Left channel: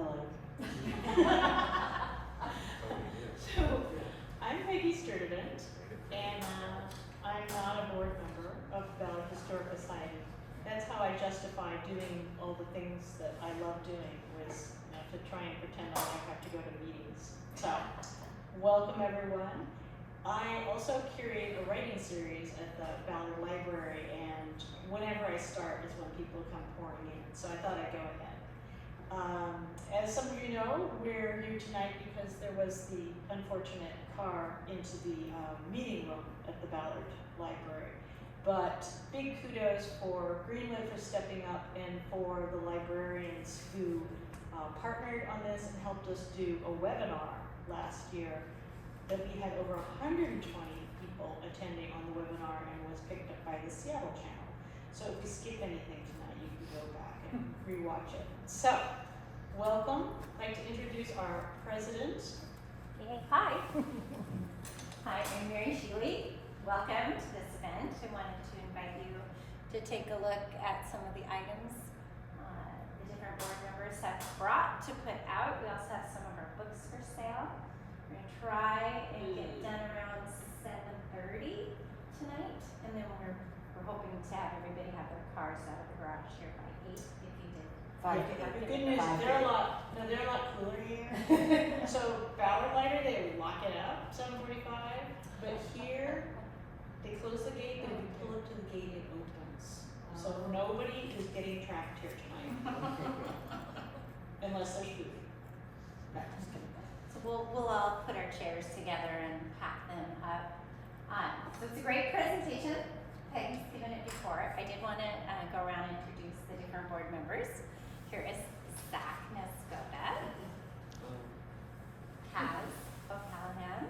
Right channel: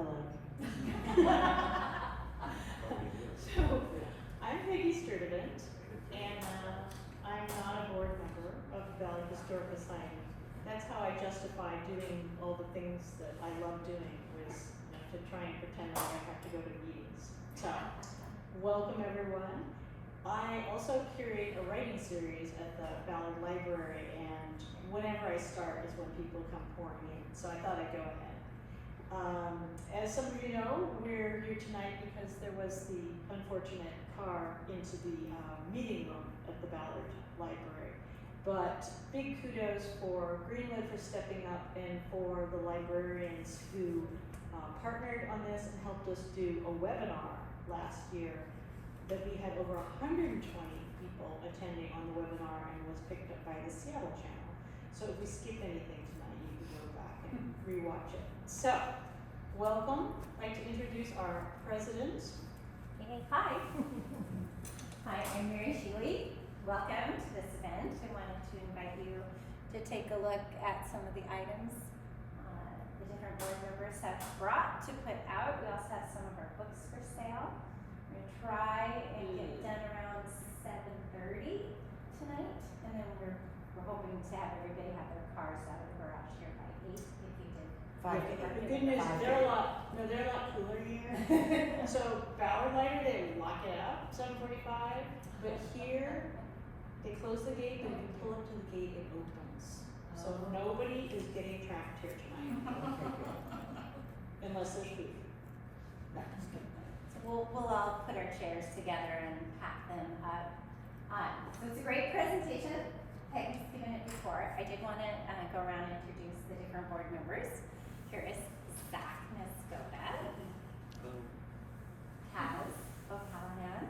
Hello. So, I'm Peggy Sturdivant, and I'm not a board member of the Ballard Historical Society. That's how I justify doing all the things that I love doing, was to try and pretend I don't have to go to meetings. So, welcome everyone. I also curate a writing series at the Ballard Library, and whenever I start is when people come pouring in, so I thought I'd go ahead. As some of you know, we're here tonight because there was the unfortunate car into the meeting room at the Ballard Library. But big kudos for Greenwood for stepping up and for the librarians who partnered on this and helped us do a webinar last year that we had over 120 people attending on the webinar and was picked up by the Seattle channel. So if we skip anything tonight, you can go back and rewatch it. So, welcome. I'd like to introduce our president. Hey, hi. Hi, I'm Mary Sheely. Welcome to this event. I wanted to invite you to take a look at some of the items the different board members have brought to put out. We also have some of our books for sale. We're going to try and get done around 7:30 tonight, and then we're hoping to have everybody have their cars out of the garage here by 8 if you did. The good news is they're a lot cooler here. So Ballard Library, they lock it out 7:45, but here they close the gate, but if you pull up to the gate, it opens. So nobody is getting trapped here tonight. Unless there's food. No, just kidding. So we'll all put our chairs together and pack them up. So it's a great presentation. Peggy's given it before. I did want to go around and introduce the different board members. Here is Zach Nescoda, Kaz O'Callahan,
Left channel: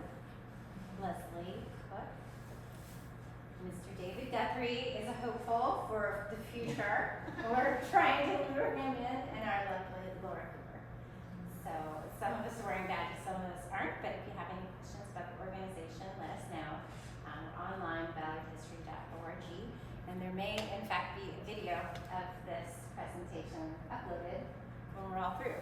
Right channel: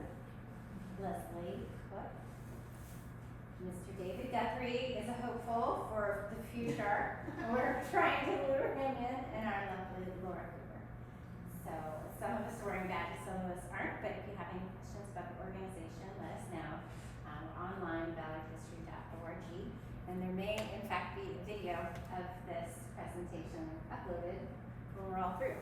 Leslie Cook, Mr. David Guthrie is a hopeful for the future. We're trying to lure him in, and our lovely Laura Cooper. So some of us are wearing badges, some of us aren't, but if you have any questions about the organization, let us know. Online, ballardhistory.org, and there may in fact be a video of this presentation uploaded when we're all through.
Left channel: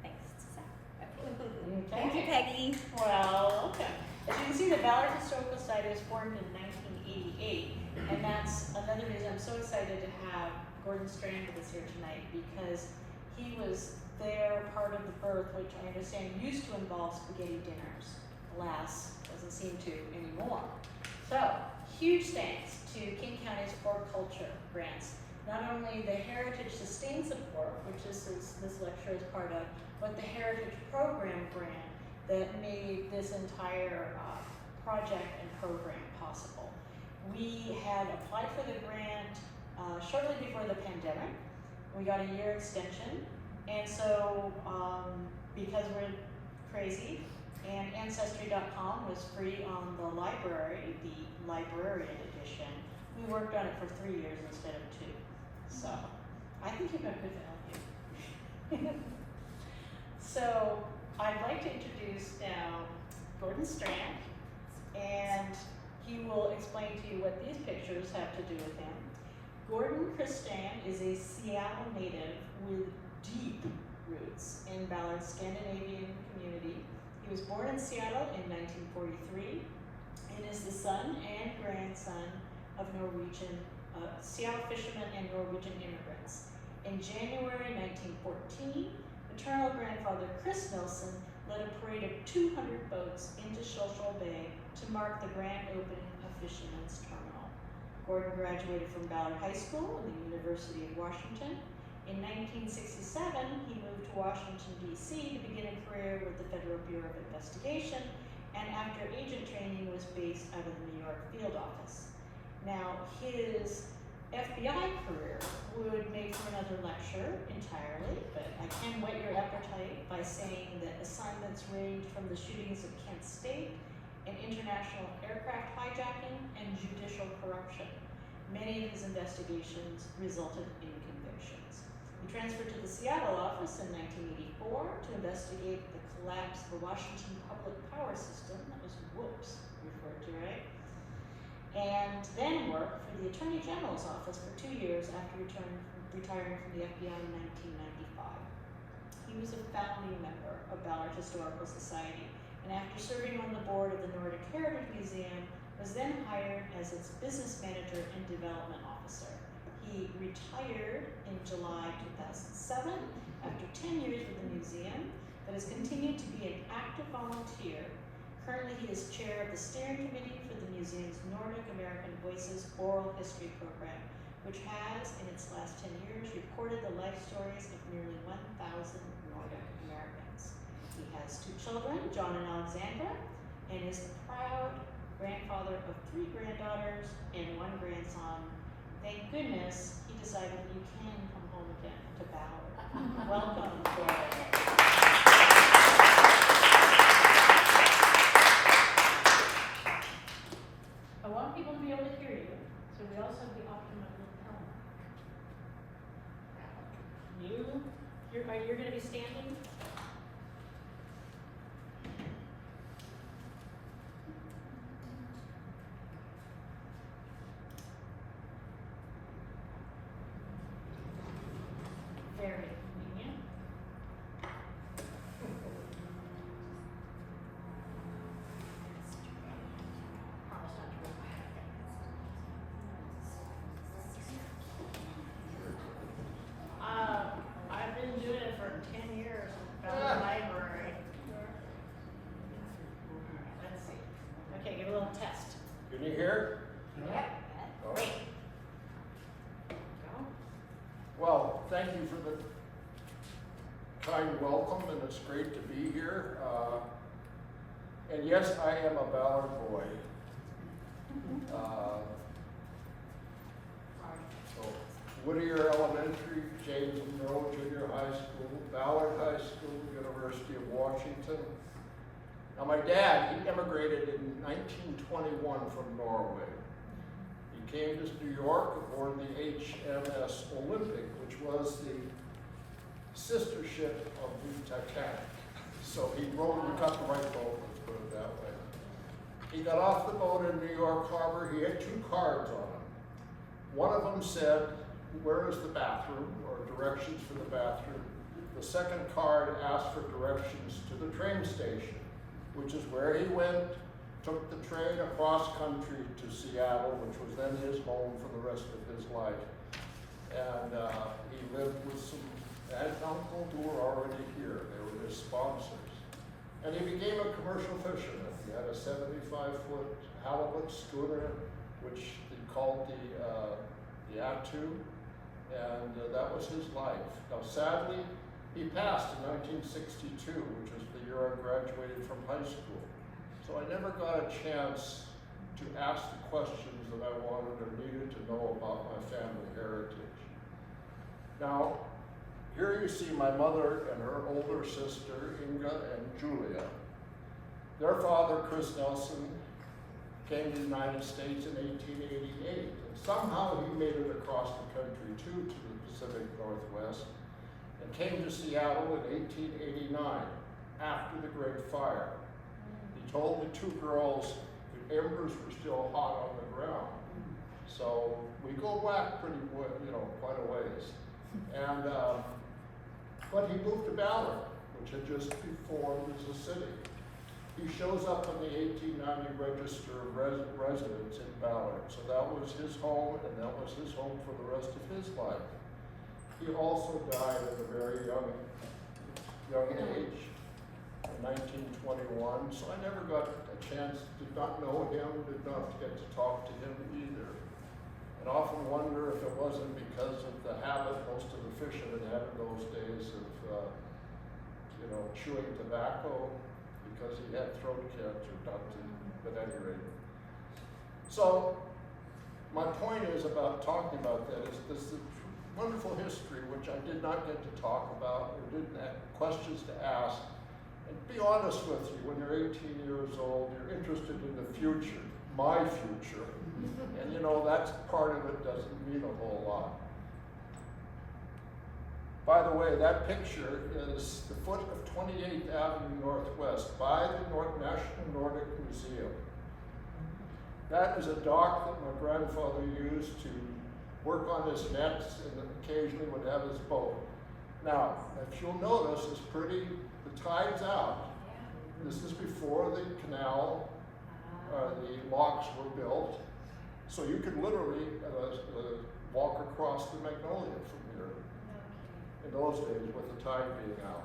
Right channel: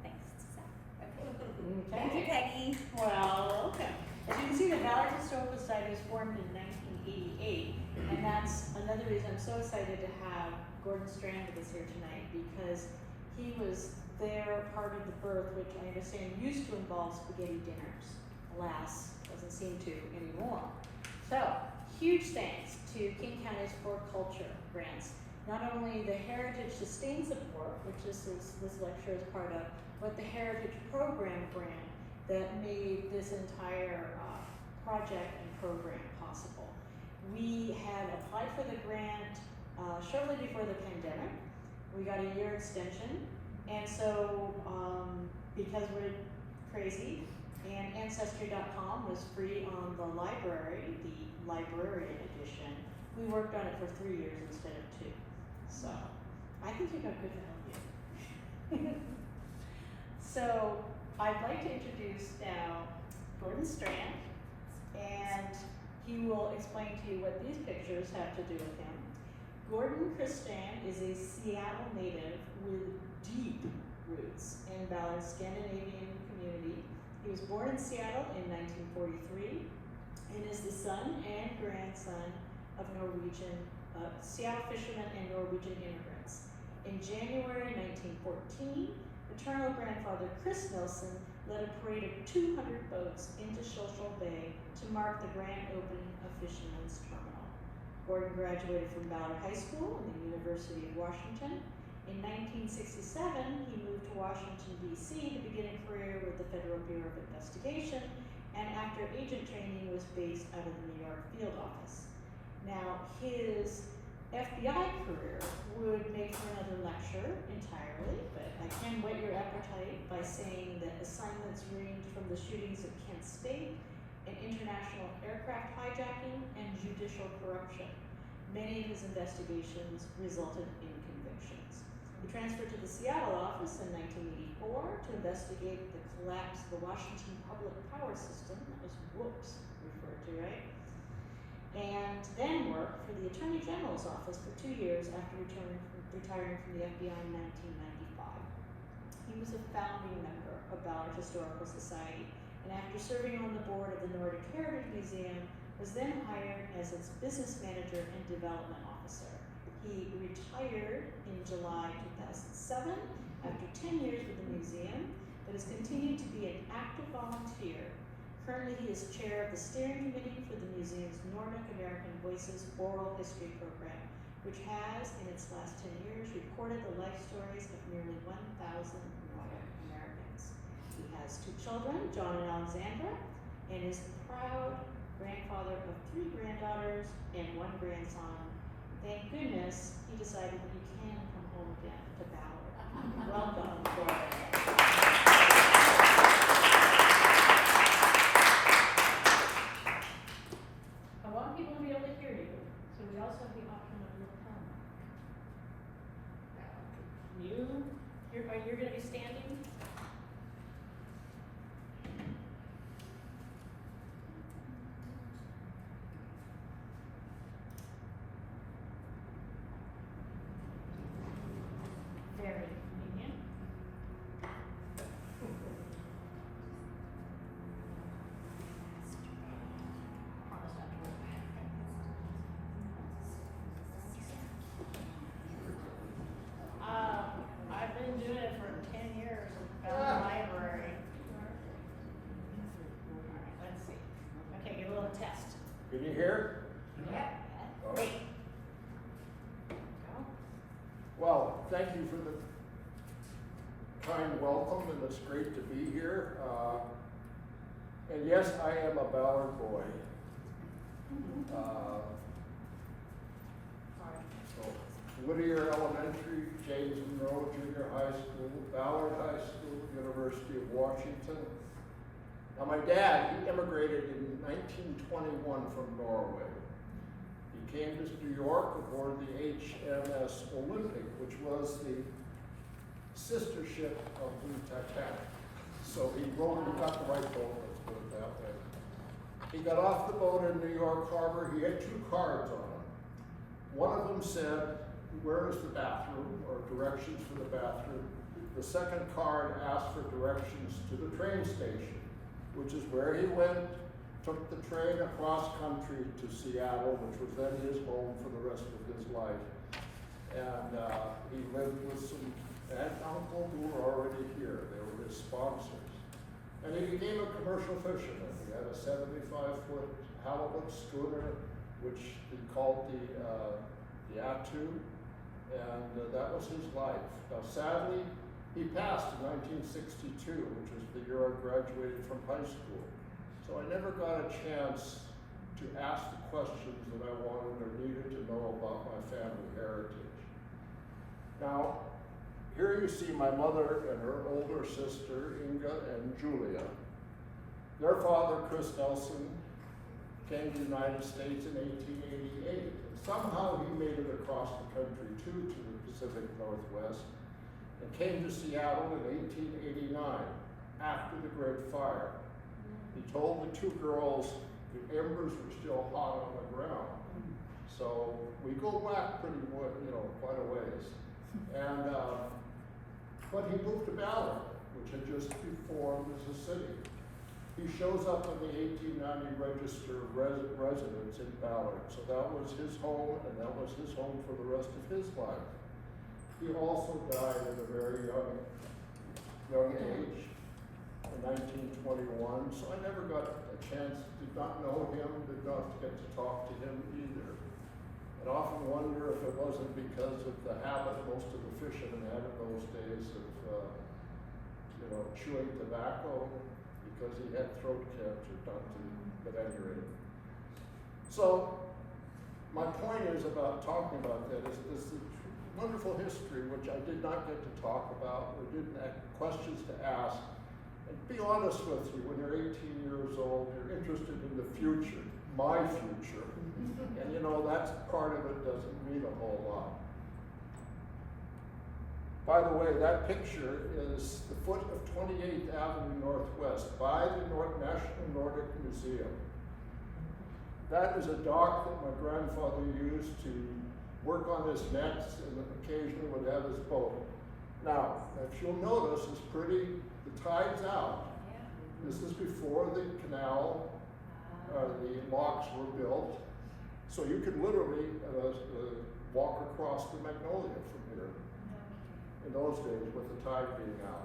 Thanks, Zach. Okay. Thank you, Peggy. Well, okay. As you can see, the Ballard Historical Society was formed in 1988, and that's another reason I'm so excited to have Gordon Strand with us here tonight, because he was there part of the birth, which I understand used to involve spaghetti dinners. Alas, doesn't seem to anymore. So, huge thanks to King County's For Culture grants. Not only the Heritage Sustain Support, which this lecture is part of, but the Heritage Program grant that made this entire project and program possible. We had applied for the grant shortly before the pandemic. We got a year extension, and so because we're crazy, and Ancestry.com was free on the library, the librarian edition. We worked on it for 3 years instead of 2. So, I think you got good value. So, I'd like to introduce now Gordon Strand, and he will explain to you what these pictures have to do with him. Gordon Strand is a Seattle native with deep roots in Ballard's Scandinavian community. He was born in Seattle in 1943 and is the son and grandson of Norwegian, Seattle fishermen and Norwegian immigrants. In January 1914, maternal grandfather Chris Nelson led a parade of 200 boats into Schuylkill Bay to mark the grand opening of Fisherman's Terminal. Gordon graduated from Ballard High School and the University of Washington. In 1967, he moved to Washington, D.C. to begin a career with the Federal Bureau of Investigation, and after agent training was based out of the New York field office. Now, his FBI career would make for another lecture entirely, but I can whet your appetite by saying that assignments ranged from the shootings of Kent State and international aircraft hijacking and judicial corruption. Many of his investigations resulted in convictions. He transferred to the Seattle office in 1984 to investigate the collapse of the Washington public power system, that was WHOOPS referred to, right? And then worked for the Attorney General's office for 2 years after retiring from the FBI in 1995. He he was a founding member of Ballard Historical Society, and after serving on the board of the Nordic Heritage Museum, was then hired as its business manager and development officer. He retired in July 2007 after 10 years with the museum, but has continued to be an active volunteer. Currently, he is chair of the steering committee for the museum's Nordic American Voices Oral History Program, which has, in its last 10 years, recorded the life stories of nearly 1,000 Nordic Americans. He has 2 children, John and Alexandra, and is the proud grandfather of 3 granddaughters and 1 grandson. Thank goodness he decided that you can come home again to Ballard. Welcome, Gordon. I want people to be able to hear you, so we also have the option of your phone. You're going to be standing? Very convenient. Promise not to rip I've been doing it for 10 years at the library. Let's see. Okay, give a little test. Can you hear? Yep. Great. Well, thank you for the kind welcome, and it's great to be here. And yes, I am a Ballard boy. So Whittier Elementary, James Monroe Junior High School, Ballard High School, University of Washington. Now my dad, he immigrated in 1921 from Norway. He came to New York aboard the HMS Olympic, which was the sister ship of the Titanic. So he got the right boat, let's put it that way. He got off the boat in New York Harbor. He had 2 cards on him. One of them said, "Where is the bathroom?" or directions for the bathroom. The second card asked for directions to the train station, which is where he went, took the train across country to Seattle, which was then his home for the rest of his life. And he lived with some aunt and uncle who were already here. They were his sponsors. And he became a commercial fisherman. He had a 75-foot halibut schooner, which he called the Attu, and that was his life. Now, sadly, he passed in 1962, which was the year I graduated from high school. So I never got a chance to ask the questions that I wanted or needed to know about my family heritage. Now, here you see my mother and her older sister, Inga and Julia. Their father, Chris Nelson, came to the United States in 1888. And somehow he made it across the country too, to the Pacific Northwest, and came to Seattle in 1889, after the Great Fire. He told the 2 girls the embers were still hot on the ground. So we go back quite a ways. And, but he moved to Ballard, which had just been formed as a city. He shows up in the 1890 Register of Residence in Ballard. So that was his home, and that was his home for the rest of his life. He also died at a very young age, in 1921. So I never got a chance, did not know him, did not get to talk to him either. And often wonder if it wasn't because of the habit most of the fishermen had in those days of, chewing tobacco, because he had throat cancer, but at any rate. So my point is about talking about that is this wonderful history, which I did not get to talk about or didn't have questions to ask. And be honest with you, when you're 18 years old, you're interested in the future, my future. And that's part of it doesn't mean a whole lot. By the way, that picture is the foot of 28th Avenue Northwest by the National Nordic Museum. That is a dock that my grandfather used to work on his nets and occasionally would have his boat. Now, if you'll notice, it's pretty, the tide's out. This is before the canal, the locks were built. So you could literally walk across the Magnolia from here in those days with the tide being out.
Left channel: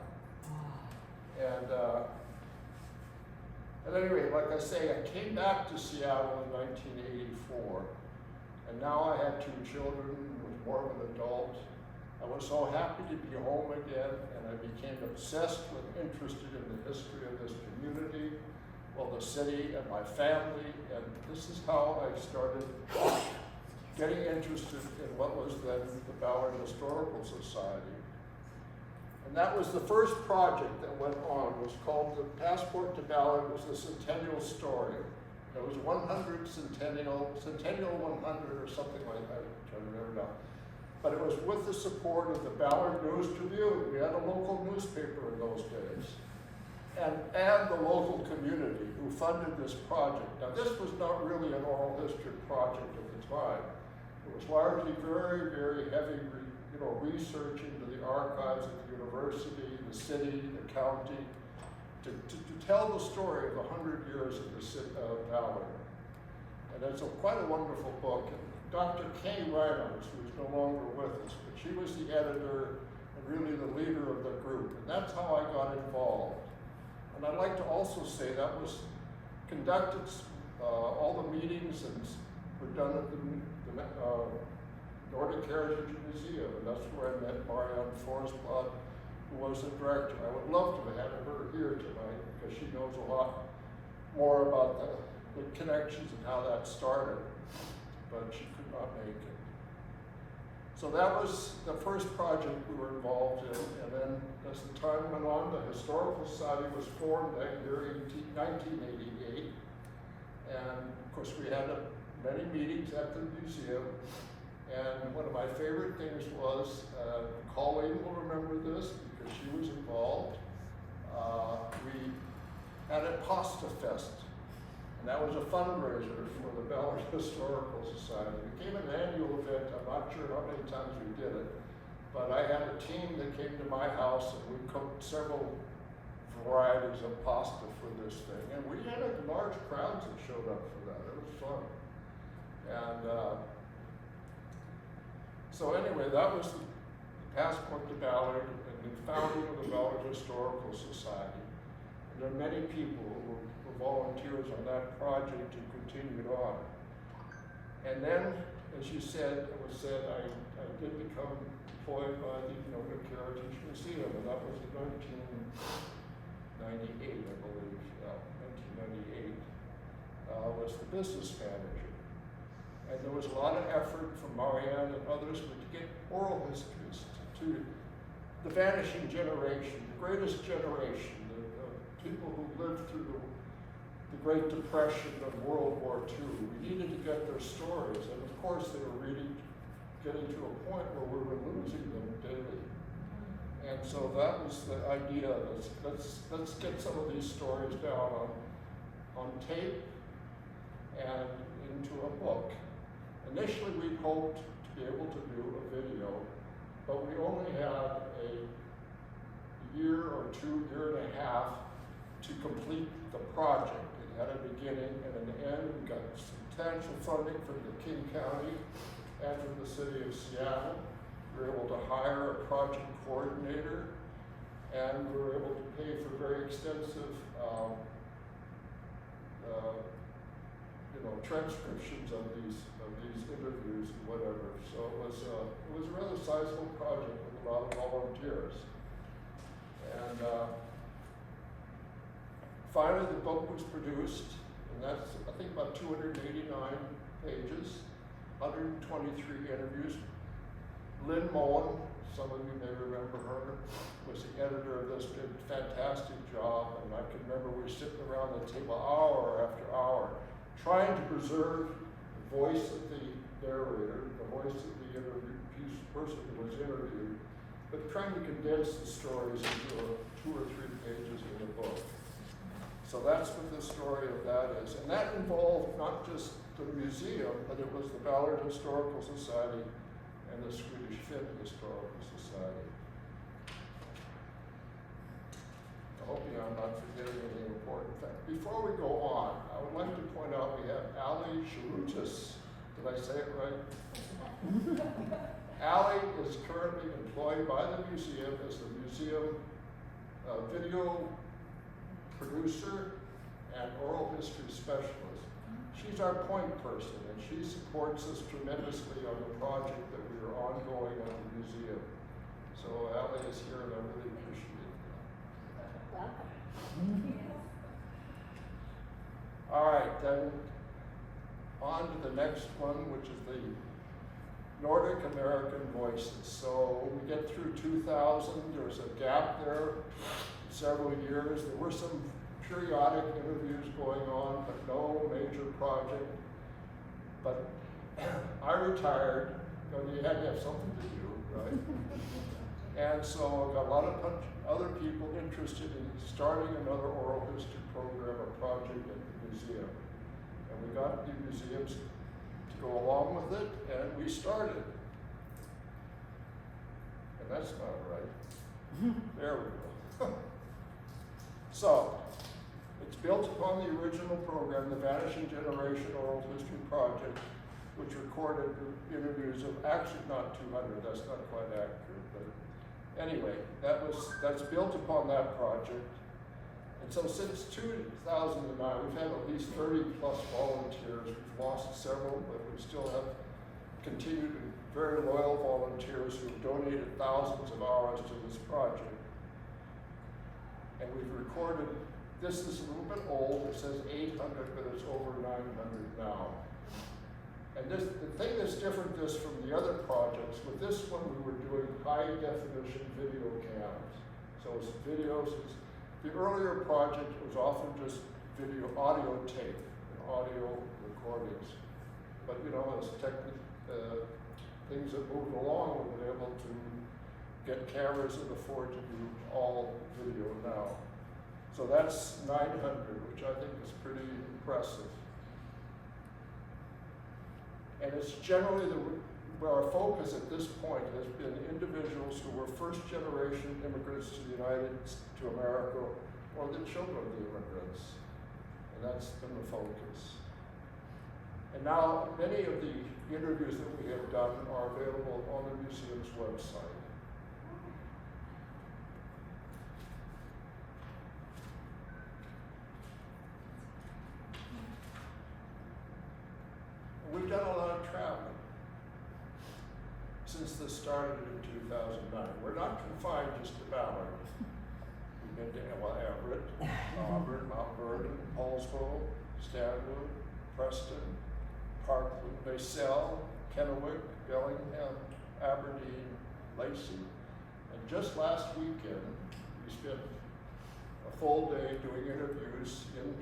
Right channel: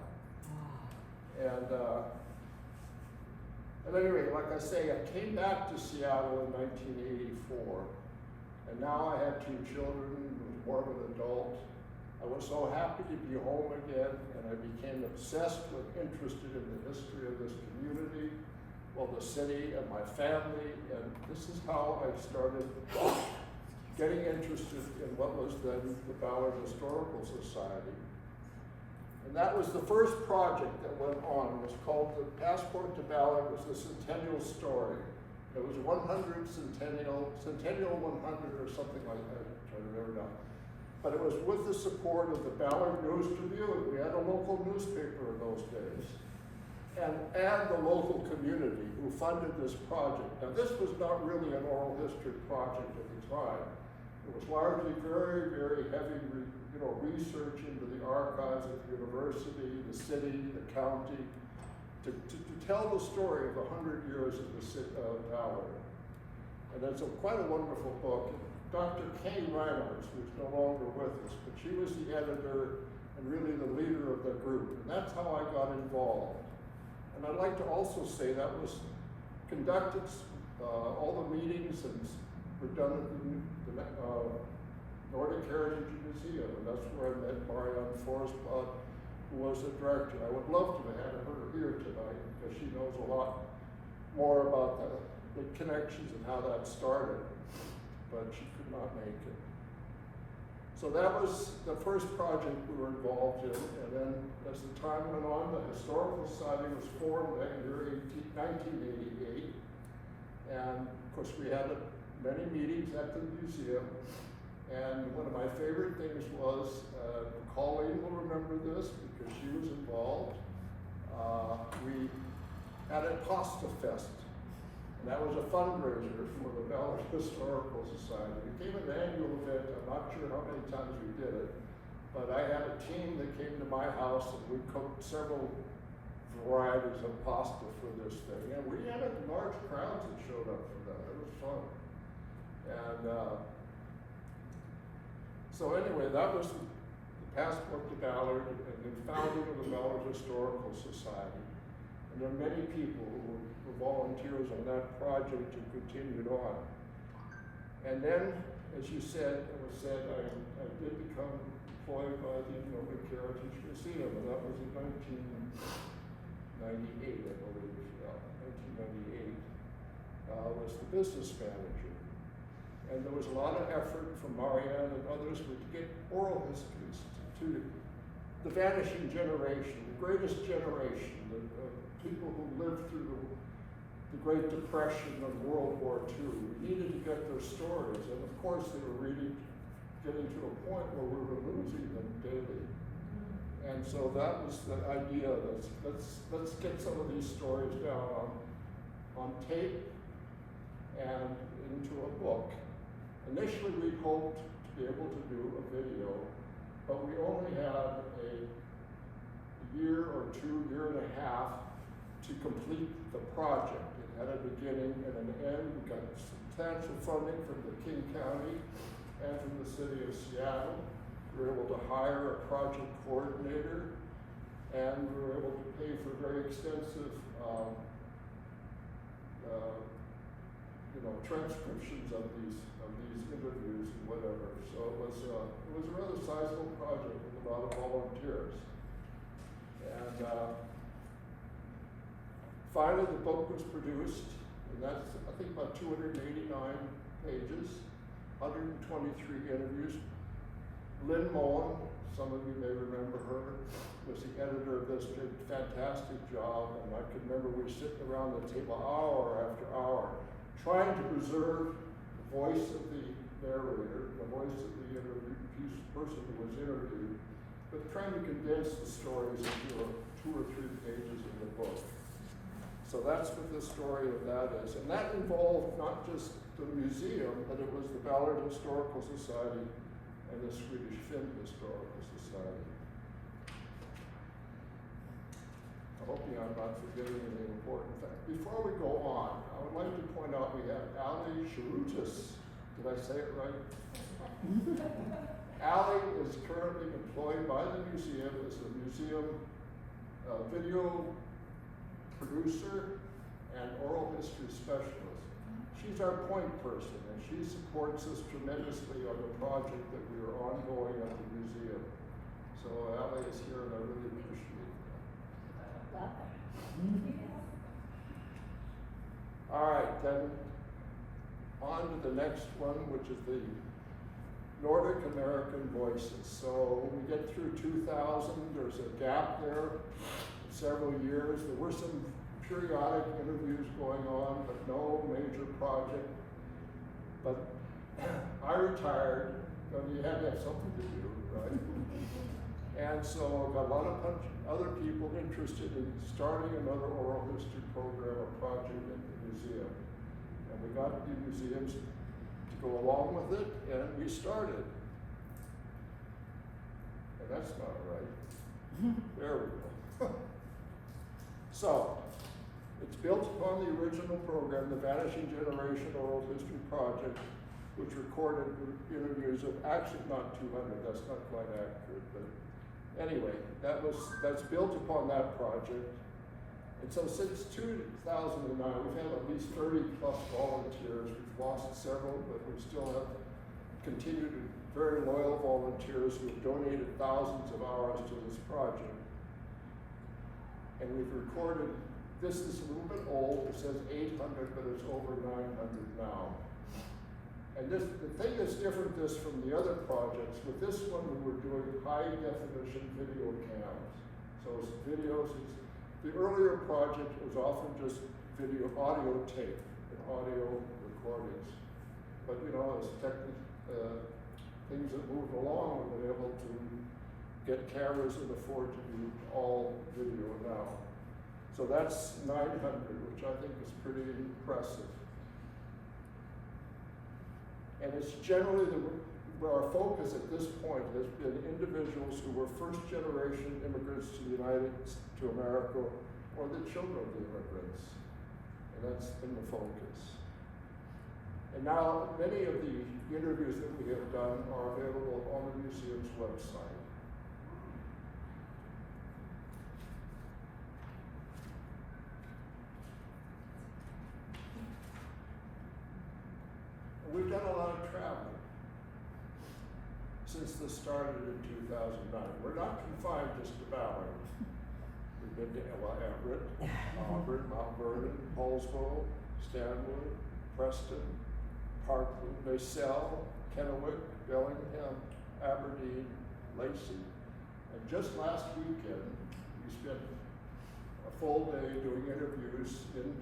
And anyway, like I say, I came back to Seattle in 1984, and now I had 2 children, was more of an adult. I was so happy to be home again, and I became obsessed with, interested in the history of this community, well, the city and my family, and this is how I started getting interested in what was then the Ballard Historical Society. And that was the first project that went on. It was called the Passport to Ballard. It was the Centennial Story. It was 100 Centennial 100 or something like that. I'm trying to remember now. But it was with the support of the Ballard News Tribune. We had a local newspaper in those days. And the local community who funded this project. Now this was not really an oral history project at the time. It was largely very, very heavy research into the archives at the university, the city, the county, to tell the story of the 100 years of the city of Ballard. And it's quite a wonderful book. Dr. Kay Reynolds, who's no longer with us, but she was the editor and really the leader of the group. And that's how I got involved. And I'd like to also say that was conducted, all the meetings and were done at the Nordic Heritage Museum, and that's where I met Marianne Forsblad, who was the director. I would love to have her here tonight because she knows a lot more about the connections and how that started, but she could not make it. So that was the first project we were involved in, and then as the time went on, the Historical Society was formed that year, 1988, and of course we had many meetings at the museum, and one of my favorite things was, Colleen will remember this because she was involved, we had a pasta fest, and that was a fundraiser for the Ballard Historical Society. It became an annual event. I'm not sure how many times we did it, but I had a team that came to my house and we cooked several varieties of pasta for this thing. And we had large crowds that showed up for that. It was fun. And so anyway, that was the Passport to Ballard and the founding of the Ballard Historical Society. And there are many people who were volunteers on that project and continued on. And then, as you said, it was said, I did become employed by the Nordic Heritage Museum, and that was in 1998, I believe, 1998, was the business manager. And there was a lot of effort from Marianne and others to get oral histories to the vanishing generation, the greatest generation, the people who lived through the Great Depression and World War II. We needed to get their stories, and of course they were really getting to a point where we were losing them daily. And so that was the idea. Let's get some of these stories down on tape and into a book. Initially we hoped to be able to do a video, but we only had a year or two, year and a half to complete the project. It had a beginning and an end. We got substantial funding from the King County and from the city of Seattle. We were able to hire a project coordinator, and we were able to pay for very extensive transcriptions of these interviews and whatever. So it was a rather sizable project with a lot of volunteers. And finally, the book was produced, and that's, I think, about 289 pages, 123 interviews. Lynn Mullen, some of you may remember her, was the editor of this, did a fantastic job, and I can remember we were sitting around the table hour after hour, trying to preserve the voice of the narrator, the voice of the person who was interviewed, but trying to condense the stories into 2 or 3 pages in the book. So that's what the story of that is. And that involved not just the museum, but it was the Ballard Historical Society and the Swedish Film Historical Society. I'm not forgetting any important fact. Before we go on, I would like to point out we have Ali Sharutis. Did I say it right? Ali is currently employed by the museum as the museum video producer and oral history specialist. She's our point person, and she supports us tremendously on the project that we are ongoing at the museum. So Ali is here, and I really appreciate it. All right, then on to the next one, which is the Nordic American Voices. So when we get through 2000, there's a gap there, several years. There were some periodic interviews going on, but no major project. But I retired, you had to have something to do, right? And so I got a lot of other people interested in starting another oral history program or project at the museum. And we got the museums to go along with it, and we started. And that's not right. There we go. So, it's built upon the original program, the Vanishing Generation Oral History Project, which recorded interviews of, actually not 200, that's not quite accurate, but anyway, that's built upon that project. And so since 2009, we've had at least 30 plus volunteers. We've lost several, but we still have continued very loyal volunteers who have donated thousands of hours to this project. And we've recorded, this is a little bit old, it says 800, but it's over 900 now. And the thing that's different from the other projects, with this one we were doing high definition video cams. So it's videos, the earlier project was often just audio tape and audio recordings. But you know, as things that moved along, we've been able to get cameras that afford to do all video now. So that's 900, which I think is pretty impressive. And it's generally where our focus at this point has been individuals who were first generation immigrants to America, or the children of the immigrants. And that's been the focus. And now many of the interviews that we have done are available on the museum's website. And we've done a lot of traveling since this started in 2009. We're not confined just to Ballard. We've been to Everett, Auburn, Mount Vernon, Paulsboro, Stanwood, Preston, Parkland, Basel, Kennewick, Bellingham, Aberdeen, Lacey. And just last weekend, we spent a full day doing interviews in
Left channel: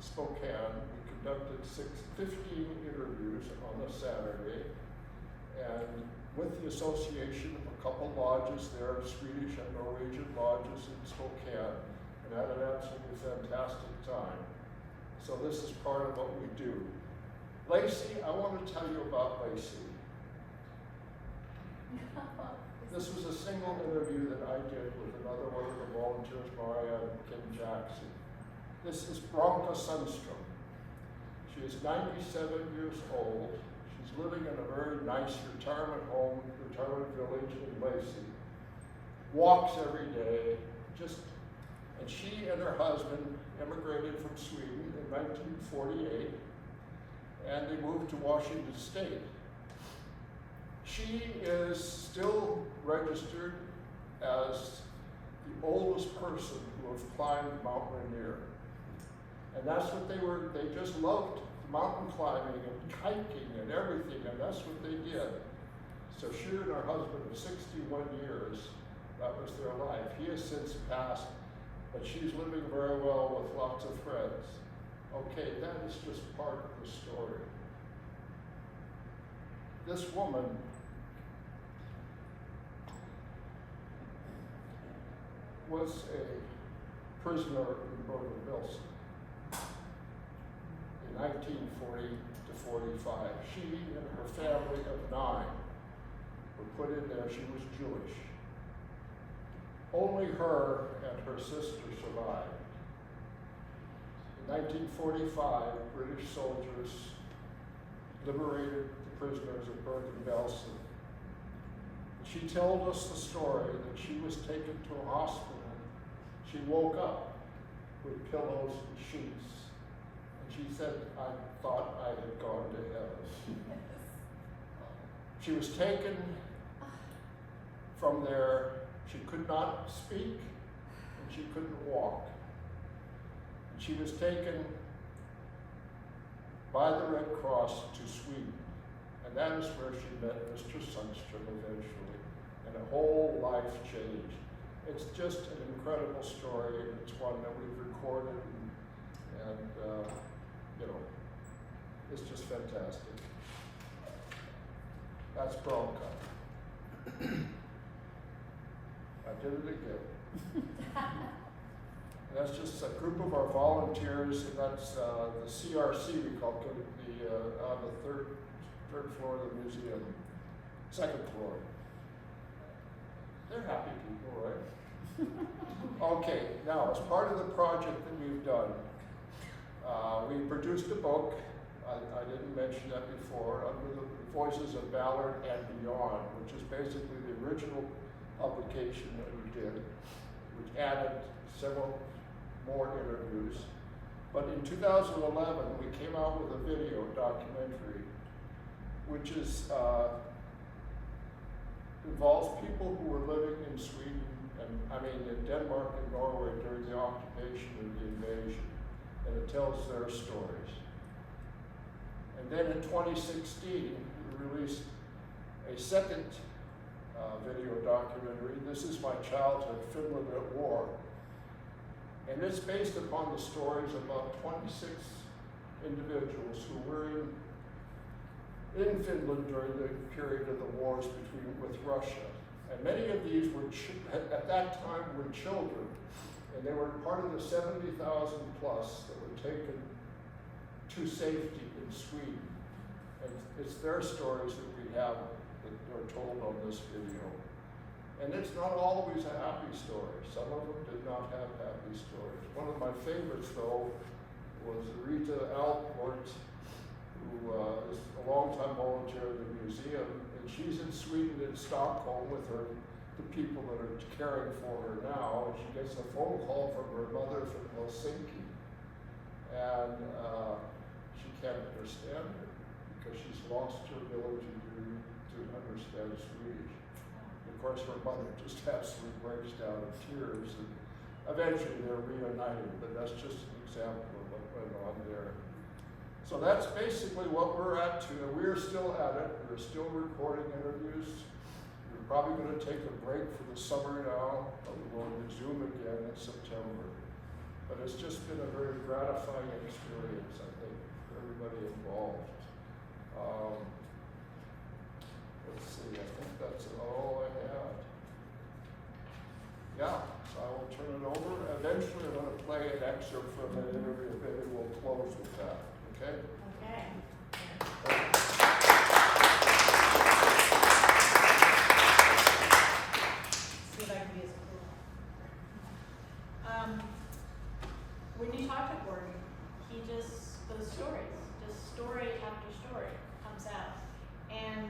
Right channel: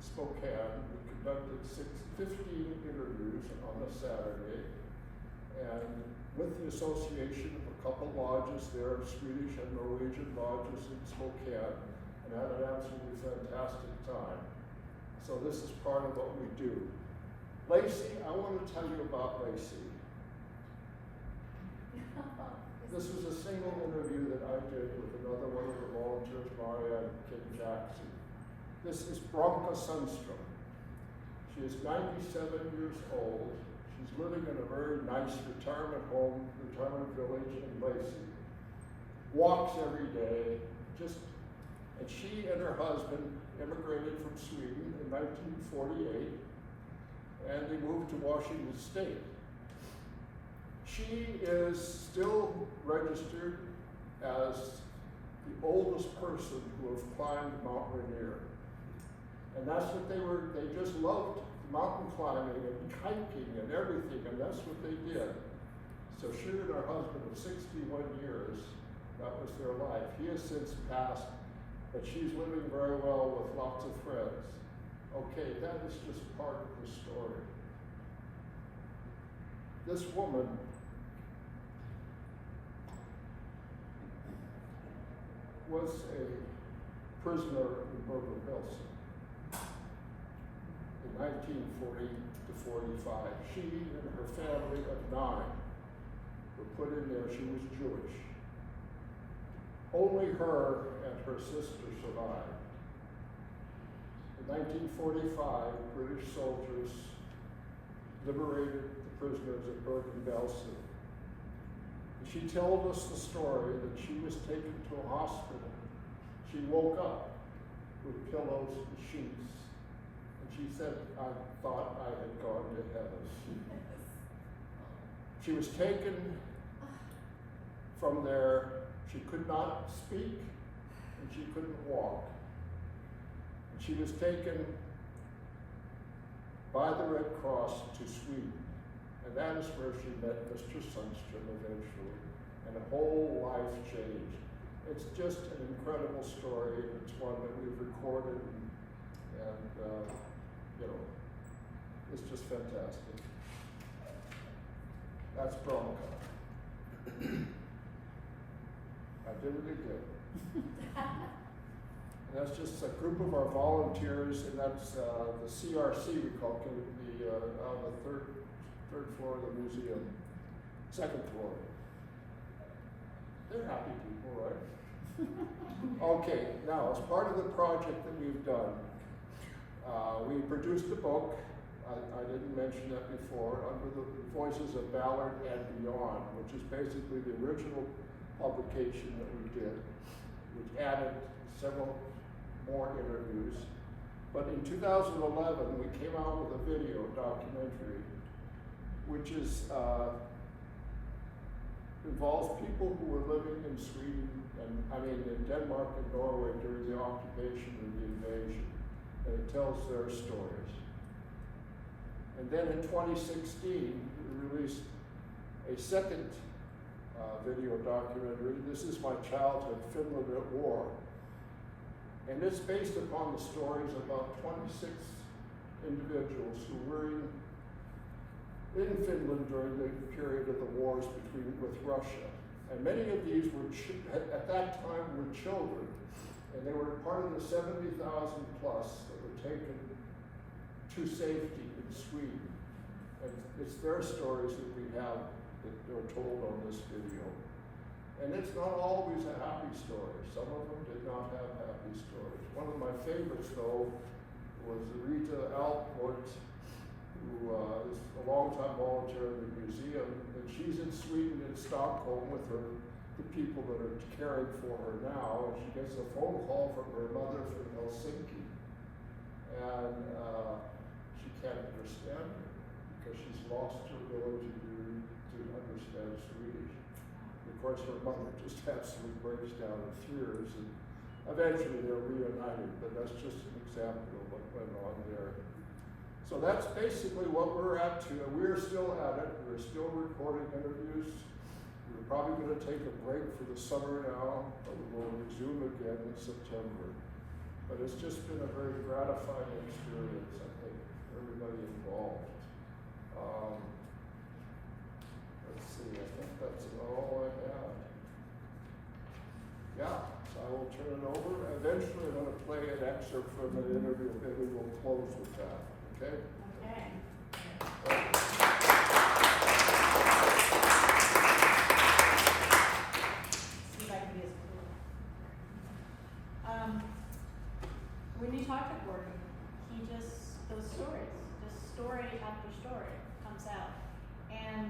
Spokane. We conducted 15 interviews on a Saturday. And with the association, a couple lodges there, Swedish and Norwegian lodges in Spokane, and had an absolutely fantastic time. So this is part of what we do. Lacey, I want to tell you about Lacey. This was a single interview that I did with another one of the volunteers, Maria and Kim Jackson. This is Bronca Sundstrom. She is 97 years old. She's living in a very nice retirement village in Lacey. Walks every day, and she and her husband immigrated from Sweden in 1948, and they moved to Washington State. She is still registered as the oldest person who have climbed Mount Rainier. And that's what they just loved mountain climbing and hiking and everything, and that's what they did. So she and her husband of 61 years, that was their life. He has since passed, but she's living very well with lots of friends. Okay, that is just part of the story. This woman was a prisoner in Bergen-Belsen in 1940 to 45. She and her family of 9 were put in there. She was Jewish. Only her and her sister survived. In 1945, British soldiers liberated the prisoners of Bergen-Belsen. She told us the story that she was taken to a hospital. She woke up with pillows and sheets, and she said, I thought I had gone to heaven. She was taken from there. She could not speak, and she couldn't walk. And she was taken by the Red Cross to Sweden, and that is where she met Mr. Sundström eventually, and a whole life changed. It's just an incredible story, and it's one that we've recorded, and you know, it's just fantastic. That's Bronco. I did it again. And that's just a group of our volunteers, and that's the CRC, we call it, on the third floor of the museum, second floor. They're happy people, right? Okay, now as part of the project that we've done, we produced a book. I didn't mention that before, under the Voices of Ballard and Beyond, which is basically the original publication that we did, which added several more interviews. But in 2011, we came out with a video documentary, which is involves people who were living in Sweden, in Denmark and Norway during the occupation and the invasion, and it tells their stories. And then in 2016, we released a second video documentary. This is My Childhood, Finland at War. And it's based upon the stories of about 26 individuals who were in Finland during the period of the wars with Russia. And many of these were, at that time, were children. And they were part of the 70,000 plus that were taken to safety in Sweden. And it's their stories that we have that are told on this video. And it's not always a happy story. Some of them did not have happy stories. One of my favorites, though, was Rita Alport, who is a longtime volunteer in the museum, and she's in Sweden, in Stockholm, with the people that are caring for her now, and she gets a phone call from her mother from Helsinki, and she can't understand her because she's lost her ability to understand Swedish. Of course, her mother just absolutely breaks down in tears, and eventually they're reunited, but that's just an example of what went on there. So that's basically what we're at today. We're still at it. We're still recording interviews. We're probably going to take a break for the summer now, but we'll resume again in September. But it's just been a very gratifying experience, I think, for everybody involved. Let's see, I think that's all I have. Yeah, so I will turn it over. Eventually I'm going to play an excerpt from an interview, and maybe we'll close with that. Okay? Okay. See if I can be as cool. When you talk to Gordon, he just, those stories, just story after story comes out. And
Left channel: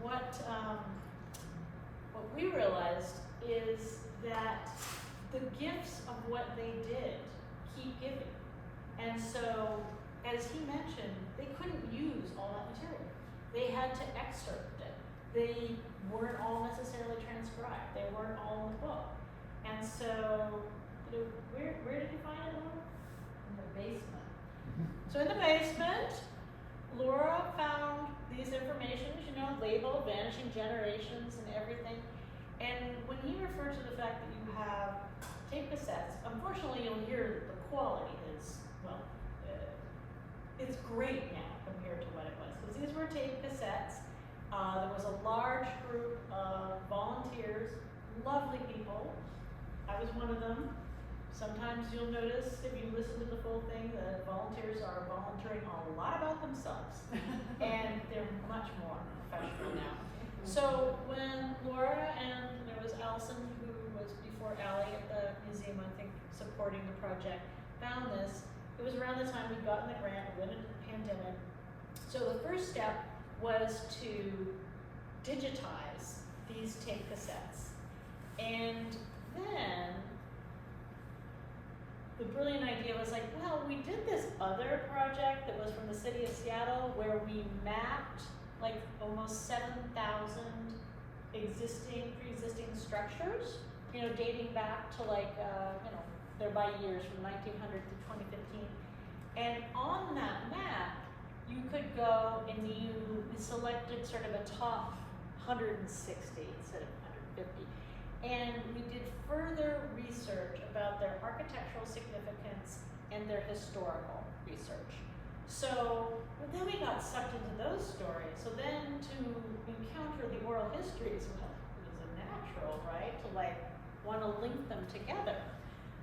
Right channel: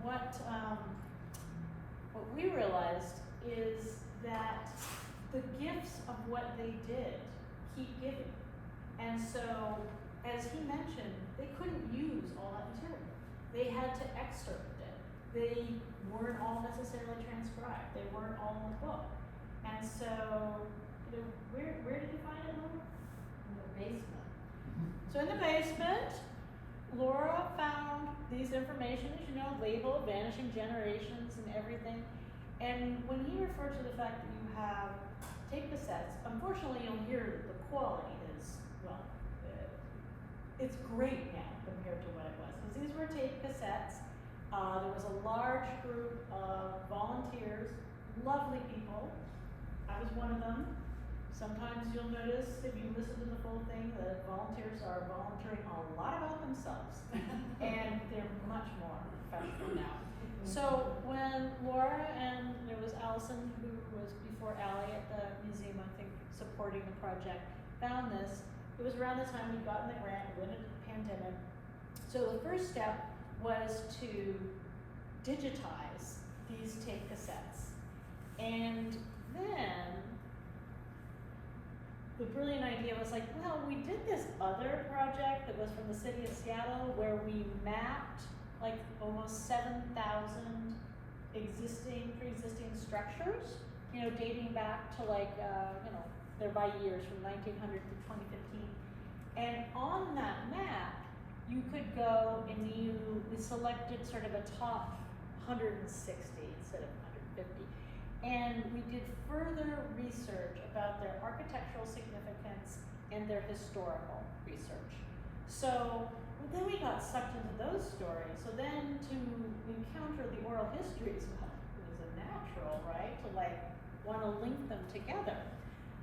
what we realized is that the gifts of what they did keep giving. And so, as he mentioned, they couldn't use all that material. They had to excerpt it. They weren't all necessarily transcribed. They weren't all in the book. And so, where did you find it, Laura? In the basement. So in the basement, Laura found these information, as you know, labeled, vanishing generations and everything. And when he referred to the fact that you have tape cassettes, unfortunately you'll hear that the quality is, well, it's great now compared to what it was. Because these were tape cassettes. There was a large group of volunteers, lovely people. I was one of them. Sometimes you'll notice, if you listen to the full thing, that volunteers are volunteering a lot about themselves. And they're much more professional now. So when Laura and there was Allison, who was before Allie at the museum, I think, supporting the project, found this, It was around the time we'd gotten the grant, we went into the pandemic. So the first step was to digitize these tape cassettes. And then the brilliant idea was like, well, we did this other project that was from the city of Seattle where we mapped like almost 7,000 pre-existing structures, you know, dating back to like, you know, they're by years from 1900 to 2015. And on that map, you could go and we selected sort of a top 160 instead of 150. And we did further research about their architectural significance and their historical research. So then we got sucked into those stories. So then to encounter the oral histories, well, it was a natural, right? To like want to link them together.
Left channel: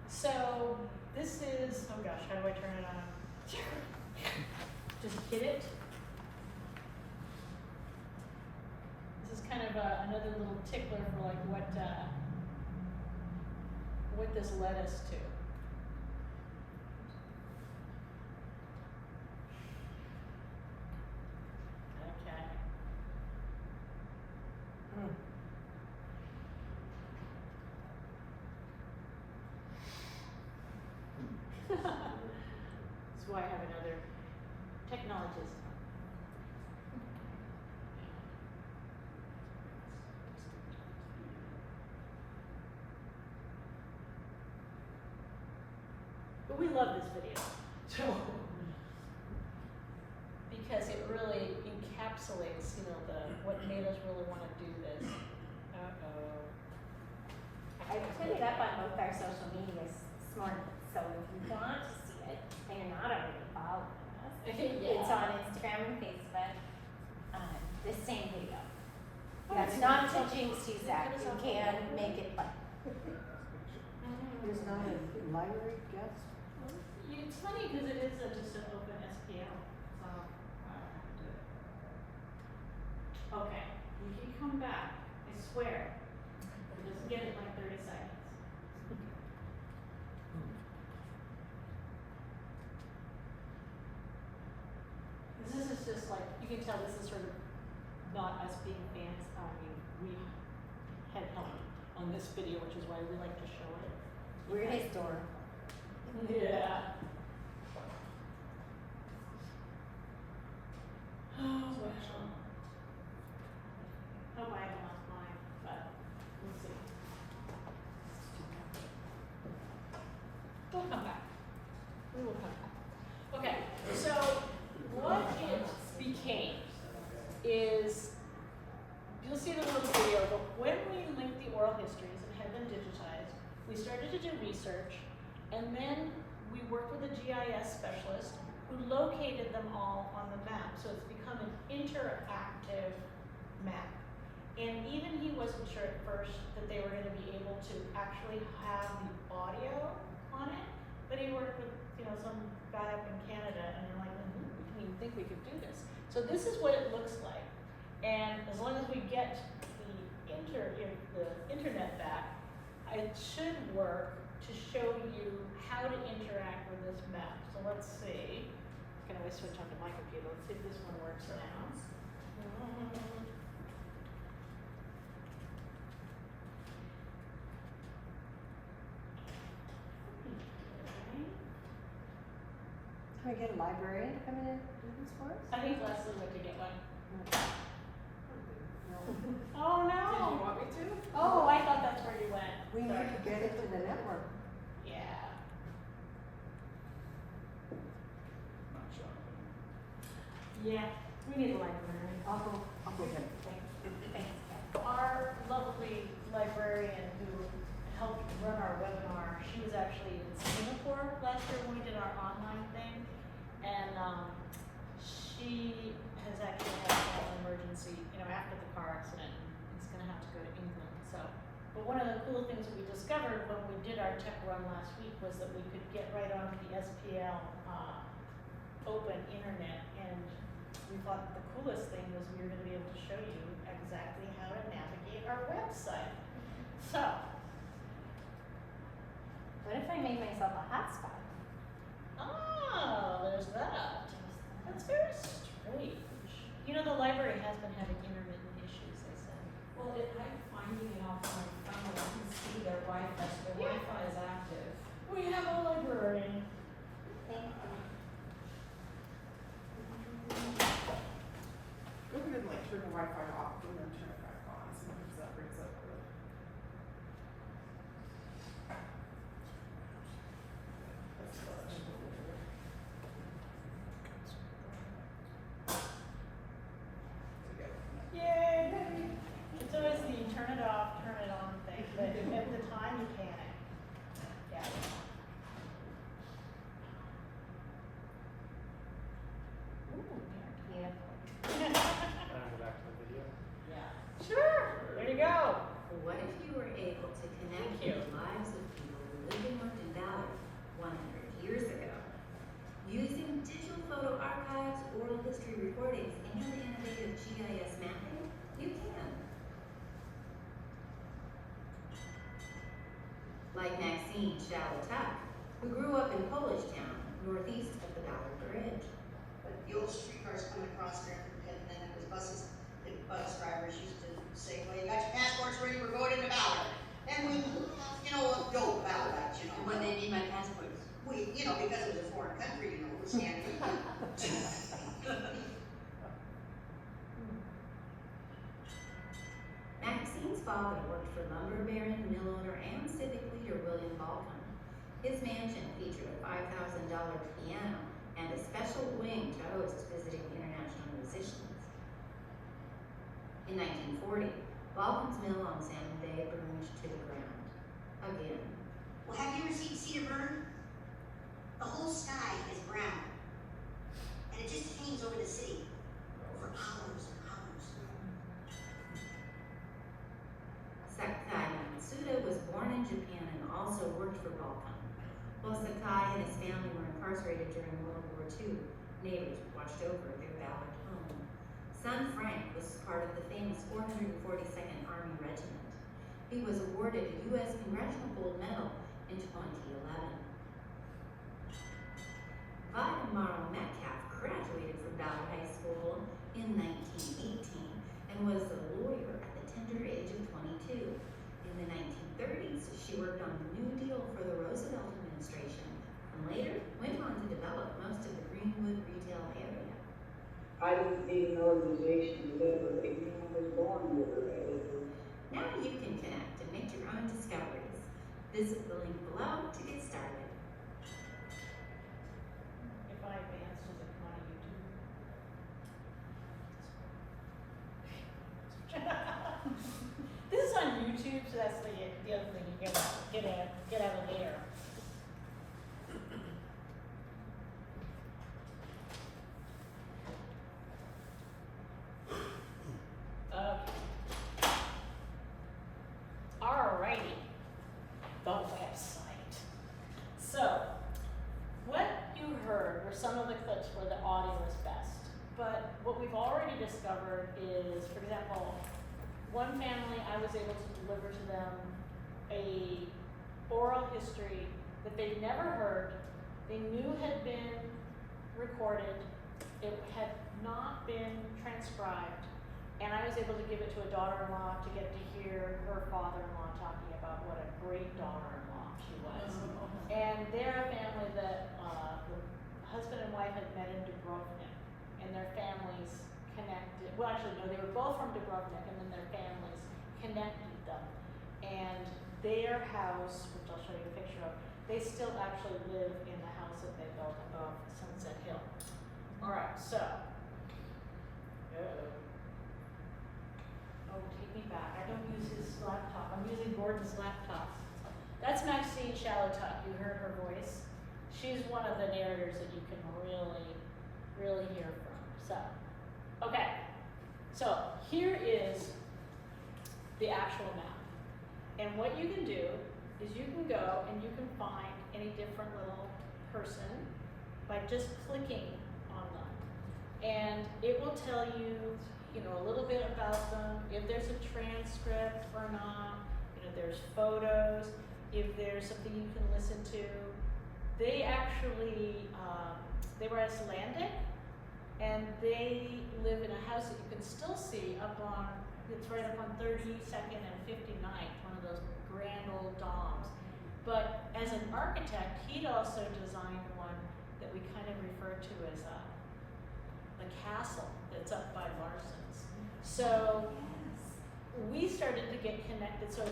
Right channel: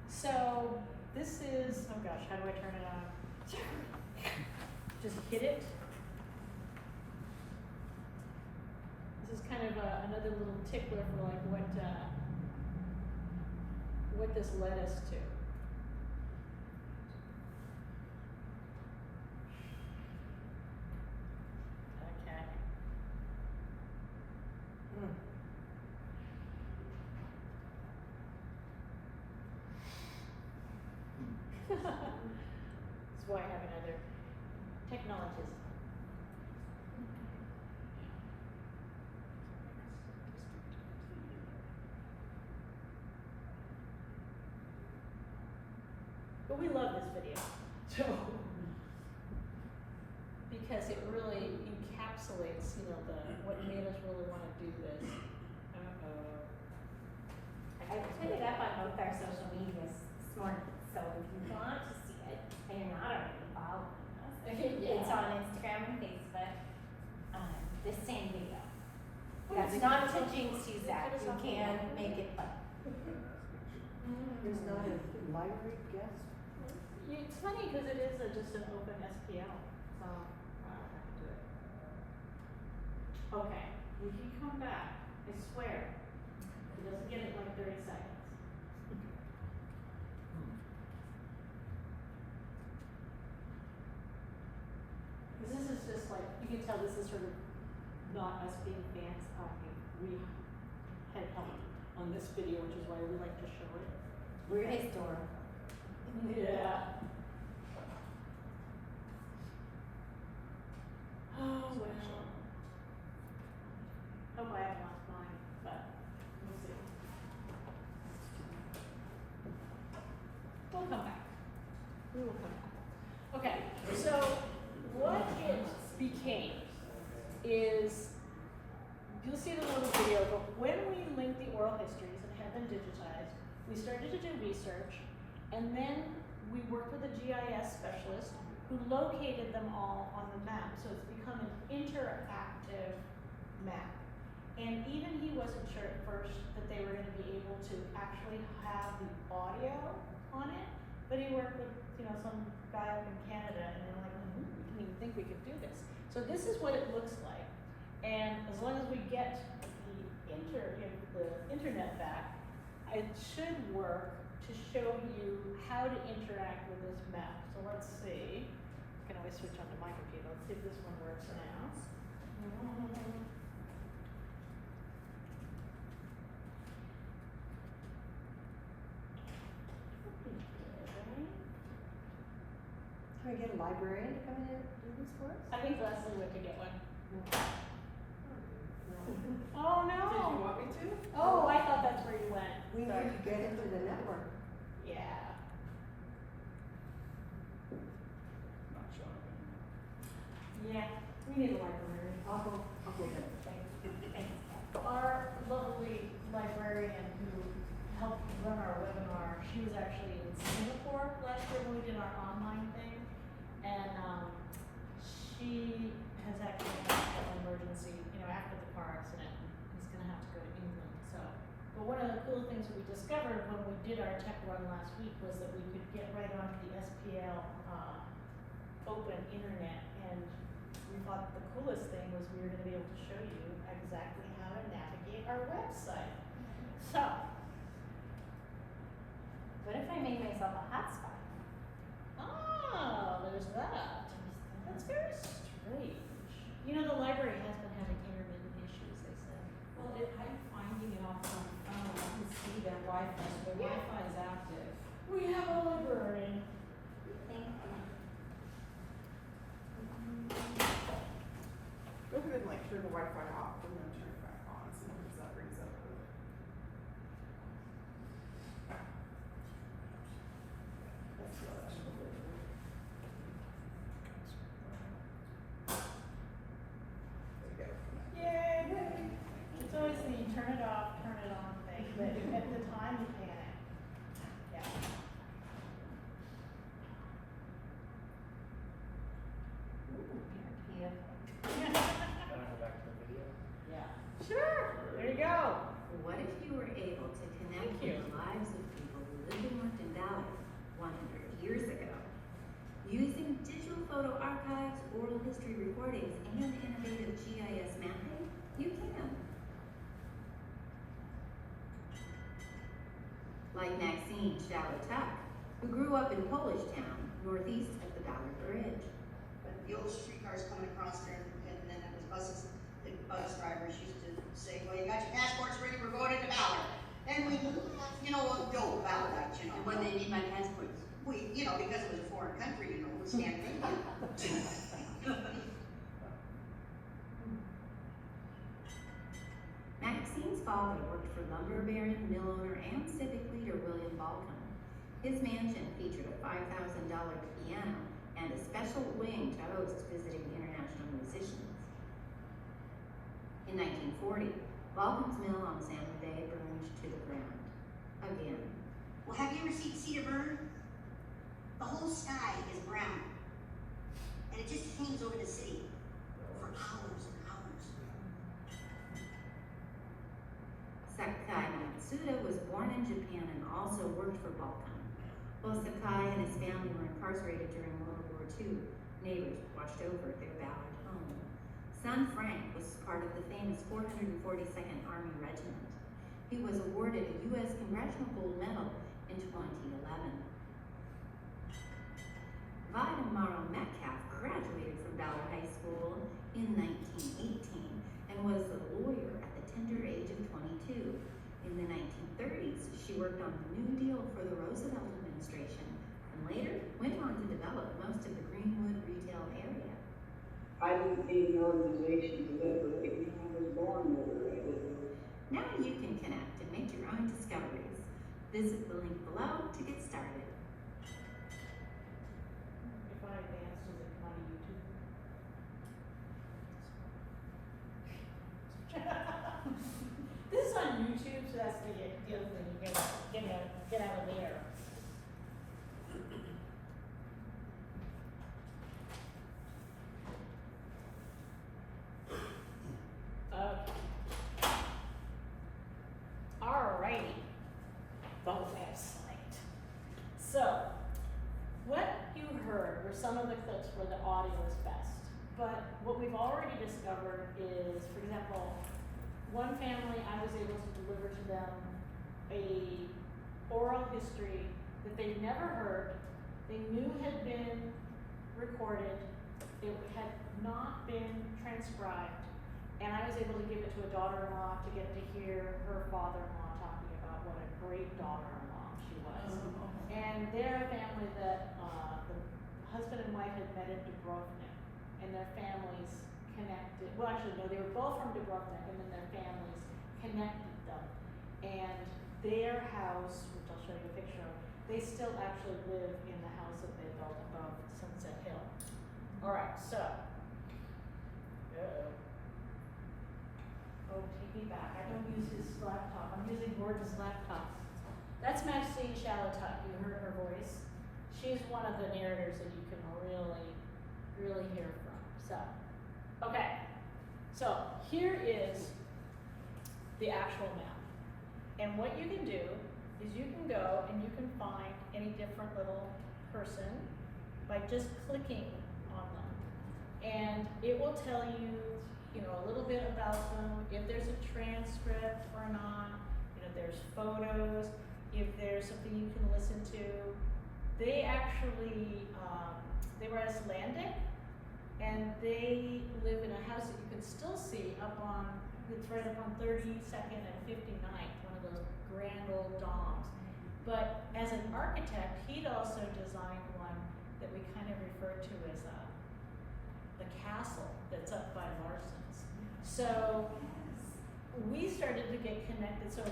So this is, oh gosh, how do I turn it on? Just hit it. This is kind of another little tickler for like what this led us to. Okay. That's why I have another technologist. But we love this video, so because it really encapsulates, you know, what made us really want to do this. Uh-oh. I put it up on both our social medias this morning, so if you want to see it, and you're not already following us, Yeah. it's on Instagram and Facebook, this same video. Oh, It's it's not not- until Jinx sees that, Put us you on can the- make it up. There's not a library guest? It's funny because it is just an open SPL, so I don't have to do it. Okay, if you come back, I swear, just give it like 30 seconds. This is just like, you can tell this is sort of not us being fans. I mean, we had help on this video, which is why we like to show it. We're historical. Yeah. Oh, well. Hope I haven't lost mine, but we'll see. We'll come back. We will come back. Okay, so what it became is, you'll see the little video, but when we linked the oral histories and had them digitized, we started to do research, and then we worked with a GIS specialist who located them all on the map, so it's become an interactive map. And even he wasn't sure at first that they were gonna be able to actually have the audio on it, but he worked with, you know, some guy up in Canada, and we're like, we didn't even think we could do this. So this is what it looks like, and as long as we get the internet back, it should work to show you how to interact with this map. So let's see. I can always switch onto my computer. Let's see if this one works now. Can we get a librarian to come in and do this for us? I think Leslie went to get one. No. Oh no! Did you want me to? Oh, I thought that's where you went. We Sorry. need to get it to the network. Yeah. Not sure. Yeah, we need a librarian. I'll go get it. Our lovely librarian who helped run our webinar, she was actually in Singapore last year when we did our online thing. And she has actually had an emergency, you know, after the car accident, and is gonna have to go to England, so. But one of the cool things we discovered when we did our tech run last week was that we could get right onto the SPL, open internet, and we thought the coolest thing was we were gonna be able to show you exactly how to navigate our website. So, What if I made myself a hotspot? ah, Wi-Fi, so their Wi-Fi is active. We have a librarian. Thank you. Go ahead and like turn the Wi-Fi off and then turn it back on, sometimes that brings up the. That's not actually. There we go. Yay! It's always the turn it off, turn it on thing, but at the time you panic. Yeah. Ooh, beautiful. Can I go back to the video? Yeah. Sure, there you go. What if you were able to connect Thank you. the lives of people who lived and worked in Ballard 100 years ago? Using digital photo archives, oral history recordings, and innovative GIS mapping, you can. Like Maxine Shalatuk, who grew up in Polish Town, northeast of the Ballard Bridge. But the old streetcars coming across there, and then it was buses, the bus drivers used to say, well, you got your passports ready, we're going into Ballard. And we, go Ballardites, And what they need by passports. We, because it was a foreign country, it was Scandinavian. Maxine's father worked for lumber baron, mill owner, and civic leader William Balcom. His mansion featured a $5,000 piano and a special wing to host visiting international musicians. In 1940, Balcom's mill on Salmon Bay burned to the ground. Again. Well, have you ever seen Cedar burn? The whole sky is brown. And it just hangs over the city for hours and hours. Sakai Matsuda was born in Japan and also worked for Balcom. While Sakai and his family were incarcerated during World War II, neighbors watched over their Ballard home. Son Frank was part of the famous 442nd Army Regiment. He was awarded a U.S. Congressional Gold Medal in 2011. Vida Morrow Metcalf graduated from Ballard High School in 1918 and was a lawyer at the tender age of 22. In the 1930s, she worked on the New Deal for the Roosevelt administration and later went on to develop most of the Greenwood retail area. I didn't need an organization to liberate me. I was born liberated. Now you can connect and make your own discoveries. Visit the link below to get started. If I advance, does it come on YouTube? This is on YouTube, so that's the other thing, you get out of the air. Okay. Alrighty, the website. So, what you heard were some of the clips where the audio is best. But what we've already discovered is, for example, one family, I was able to deliver to them a oral history that they'd never heard, they knew had been recorded, it had not been transcribed, and I was able to give it to a daughter-in-law to get to hear her father-in-law talking about what a great daughter-in-law she was. And they're a family that the husband and wife had met in Dubrovnik, and their families connected. Well, actually, no, they were both from Dubrovnik, and then their families connected them. And their house, which I'll show you a picture of, they still actually live in the house that they built above Sunset Hill. All right, so. Oh, take me back. I don't use his laptop. I'm using Gordon's laptop. That's Maxine Shalatuk. You heard her voice. She's one of the narrators that you can really hear from. So, okay. So here is the actual map. And what you can do is you can go and you can find any different little person by just clicking on them. And it will tell you, a little bit about them, if there's a transcript or not, there's photos, if there's something you can listen to. They actually, they were Icelandic, and they live in a house that you can still see up on, it's right up on 32nd and 59th, one of those grand old domes. as an architect, he'd also designed one that we kind of refer to as the castle that's up by Larson's. So we started to get connected, so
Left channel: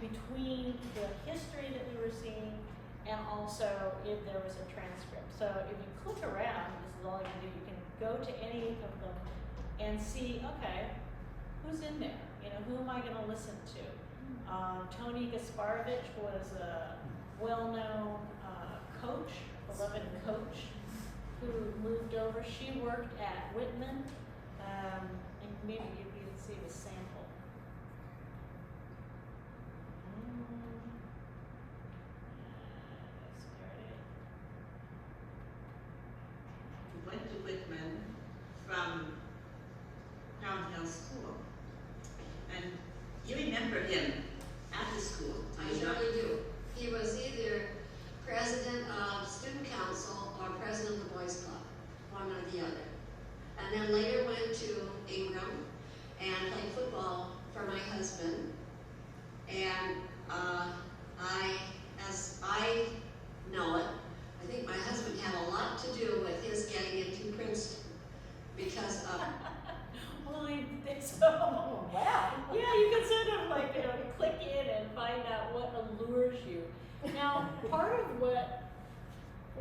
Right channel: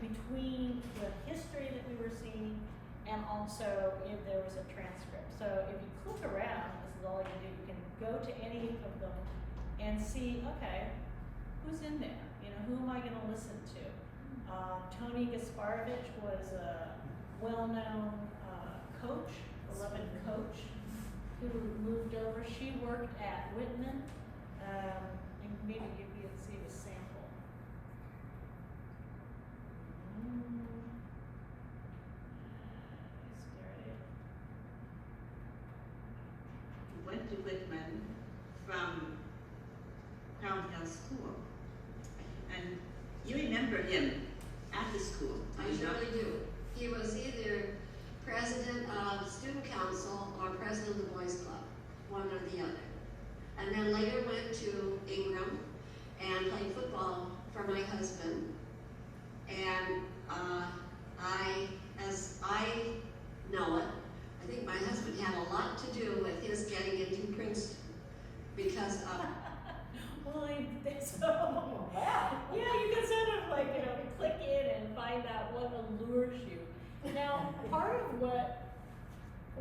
between the history that we were seeing and also if there was a transcript. So if you click around, this is all you can do, you can go to any of them and see, okay, who's in there? You know, who am I gonna listen to? Tony Gasparovich was a well-known coach, beloved coach, who moved over. She worked at Whitman, and maybe you can see the sample. Went to Whitman from Crown Hill School. And you remember him after school? I surely do. He was either president of student council or president of the boys club, one or the other. And then later went to Ingram and played football for my husband. And as I know it, I think my husband had a lot to do with his getting into Princeton because of. Well, I think so. Wow. Yeah, you can sort of like, you know, click in and find out what allures you. Now, part of what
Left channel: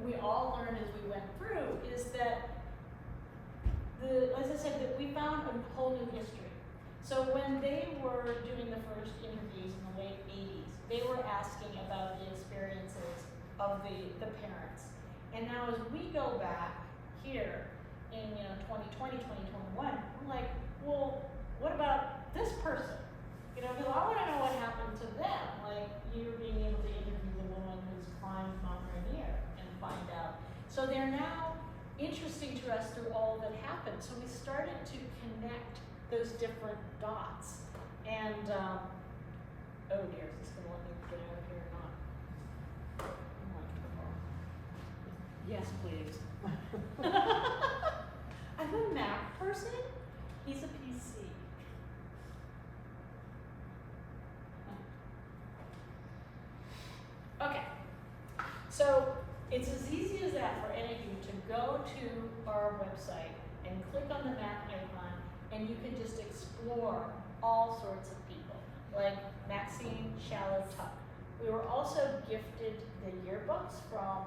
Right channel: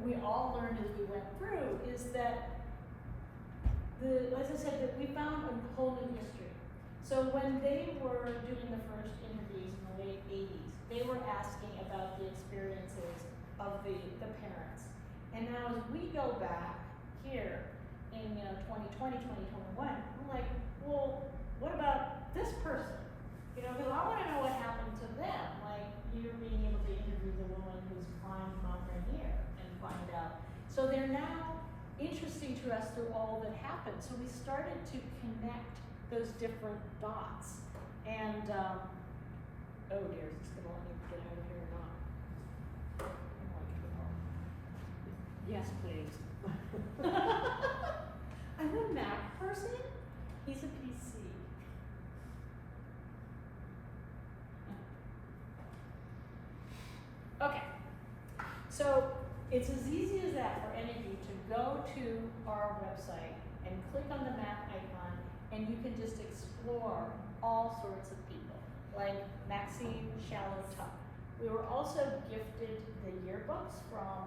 we all learned as we went through is that as I said, that we found a whole new history. So when they were doing the first interviews in the late 80s, they were asking about the experiences of the parents. And now as we go back here in 2020, 2021, we're like, well, what about this person? You know, because I want to know what happened to them. Like you're being able to interview the woman who's climbed Mount Rainier and find out. So they're now interesting to us through all that happened. So we started to connect those different dots. And, oh dear, is this gonna let me get out of here or not? I'm like, yes, please. I'm a Mac person. He's a PC. Okay, so it's as easy as that for any of you to go to our website and click on the map icon, and you can just explore all sorts of people, like Maxine Shallow Tuck. We were also gifted the yearbooks from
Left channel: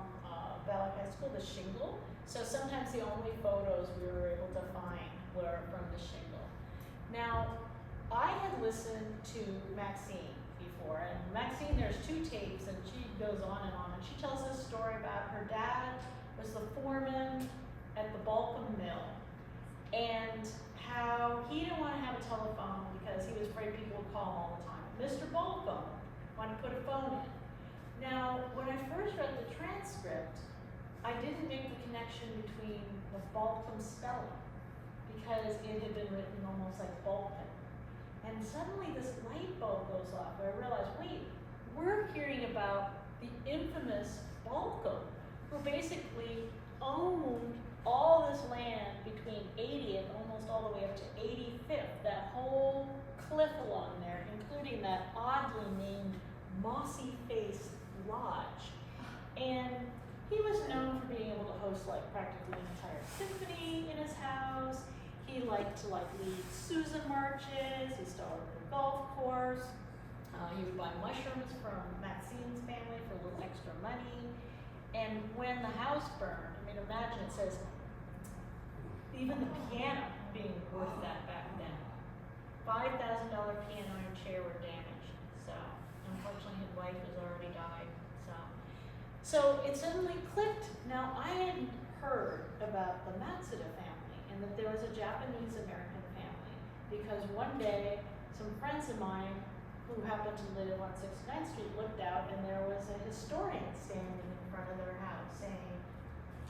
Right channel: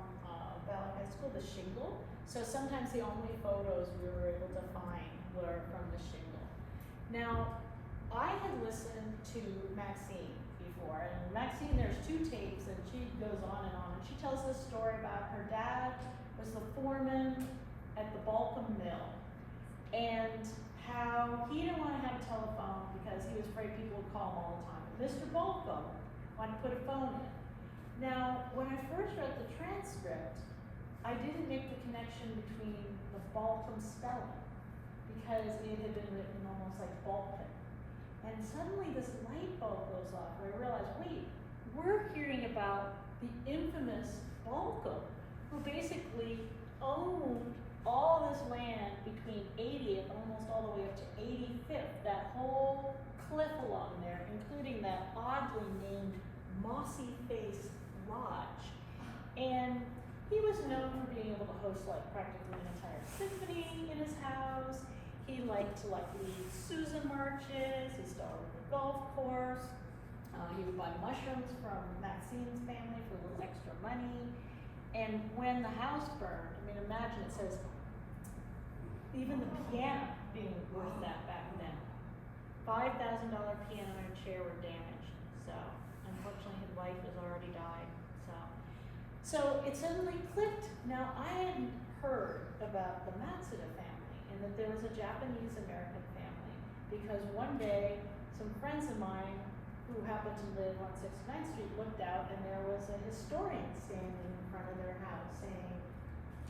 Ballard High School, the shingle. So sometimes the only photos we were able to find were from the shingle. Now, I had listened to Maxine before, and Maxine, there's 2 tapes, and she goes on, and she tells this story about her dad was the foreman at the Balcom Mill, and how he didn't want to have a telephone because he was afraid people would call him all the time. Mr. Balcom wanted to put a phone in. Now, when I first read the transcript, I didn't make the connection between the Balcom spelling because it had been written almost like Balkan. And suddenly this light bulb goes off where I realized, wait, we're hearing about the infamous Balcom, who basically owned all this land between 80th, almost all the way up to 85th, that whole cliff along there, including that oddly named Mossy Face Lodge. And he was known for being able to host like practically an entire symphony in his house. He liked to like lead Susan marches. He started a golf course. He would buy mushrooms from Maxine's family for a little extra money. And when the house burned, I mean, imagine it says, even the piano being worth that back then. $5,000 piano and chair were damaged. So, unfortunately, his wife has already died. So it suddenly clicked. Now, I hadn't heard about the Matsuda family and that there was a Japanese-American family because one day, some friends of mine who happened to live on 69th Street looked out and there was a historian standing in front of their house saying,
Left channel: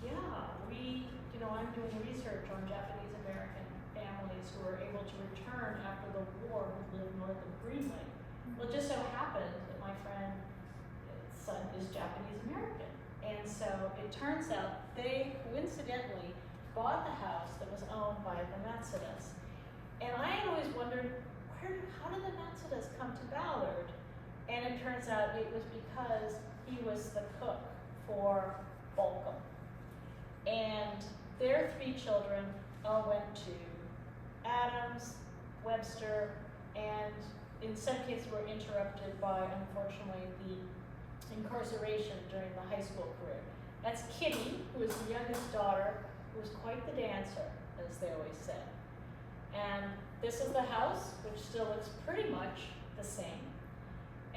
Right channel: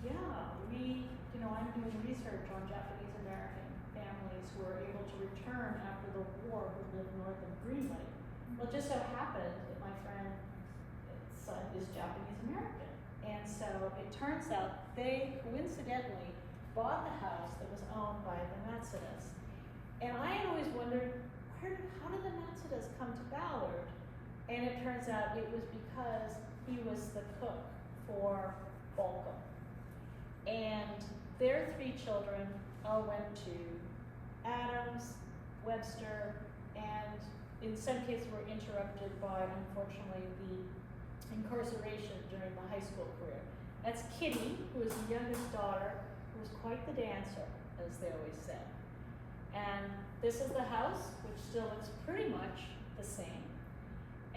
yeah, I'm doing research on Japanese-American families who were able to return after the war who lived north of Greenway. Well, it just so happened that my friend's son is Japanese-American. And so it turns out they coincidentally bought the house that was owned by the Matsudas. And I had always wondered, how did the Matsudas come to Ballard? And it turns out it was because he was the cook for Balcom. And their 3 children all went to Adams, Webster, and in some cases were interrupted by, unfortunately, the incarceration during the high school career. That's Kitty, who is the youngest daughter, who was quite the dancer, as they always said. And this is the house, which still looks pretty much the same.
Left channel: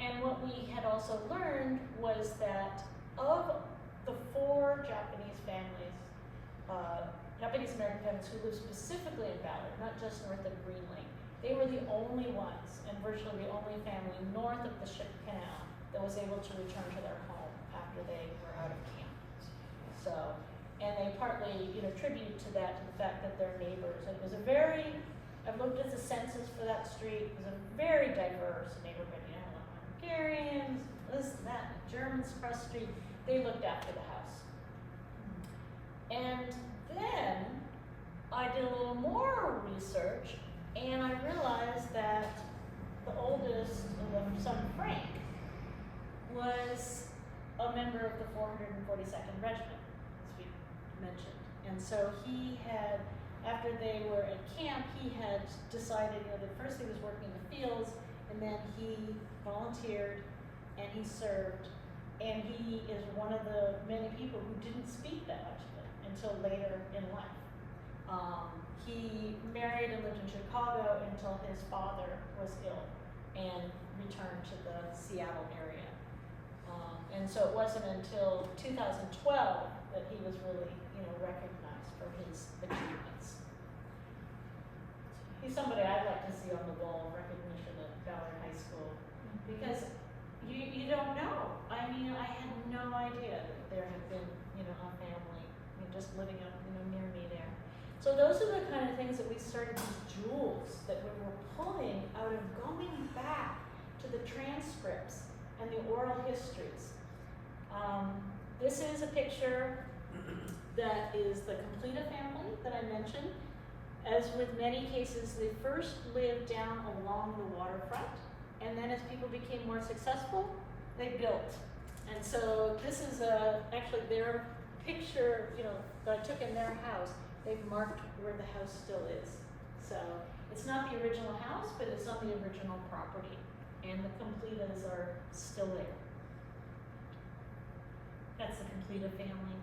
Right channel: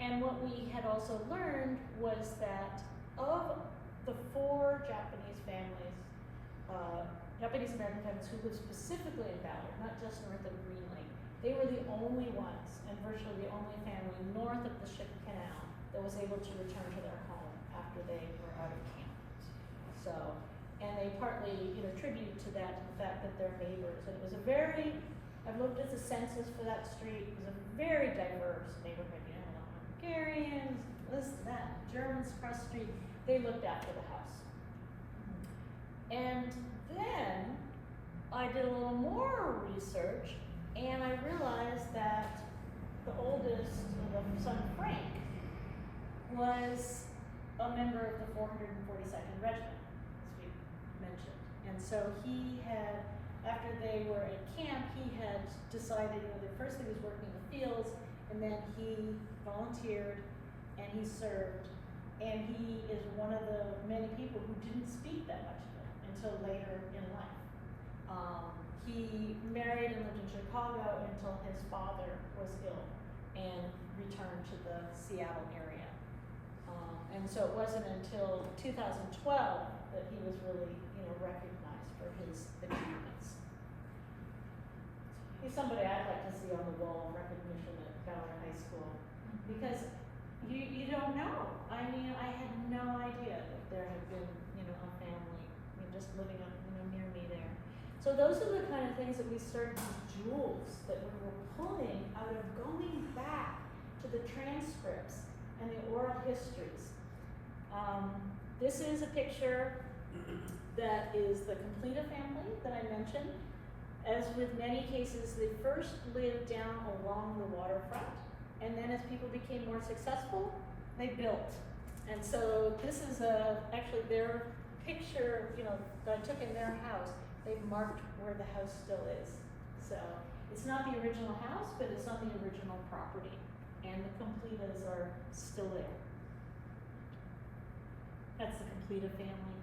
And what we had also learned was that of the 4 Japanese families, Japanese American families who lived specifically in Ballard, not just north of Green Lake, they were the only ones, and virtually the only family north of the Ship Canal that was able to return to their home after they were out of camp. So, and they partly, tribute to that, to the fact that they're neighbors. And it was a very, I've looked at the census for that street, it was a very diverse neighborhood. Hungarians, this, that, Germans across the street, they looked after the house. And then I did a little more research, and I realized that the oldest, the son Frank, was a member of the 442nd Regiment, as we mentioned. And so he had, after they were at camp, he had decided, that first he was working in the fields, and then he volunteered, and he served, and he is one of the many people who didn't speak that much of it until later in life. He married and lived in Chicago until his father was ill and returned to the Seattle area. And so it wasn't until 2012 that he was really, recognized for his achievements. He's somebody I'd like to see on the wall of recognition at Ballard High School, because you don't know. I mean, I had no idea that there had been, a family, just living up, near me there. So those are the kind of things that we started, these jewels that we were pulling out of going back to the transcripts and the oral histories. This is a picture that is the Completa family that I mentioned. As with many cases, they first lived down along the waterfront, and then as people became more successful, they built. And so this is actually their picture, that I took in their house. They've marked where the house still is. So it's not the original house, but it's not the original property. And the Completas are still there. That's the Completa family.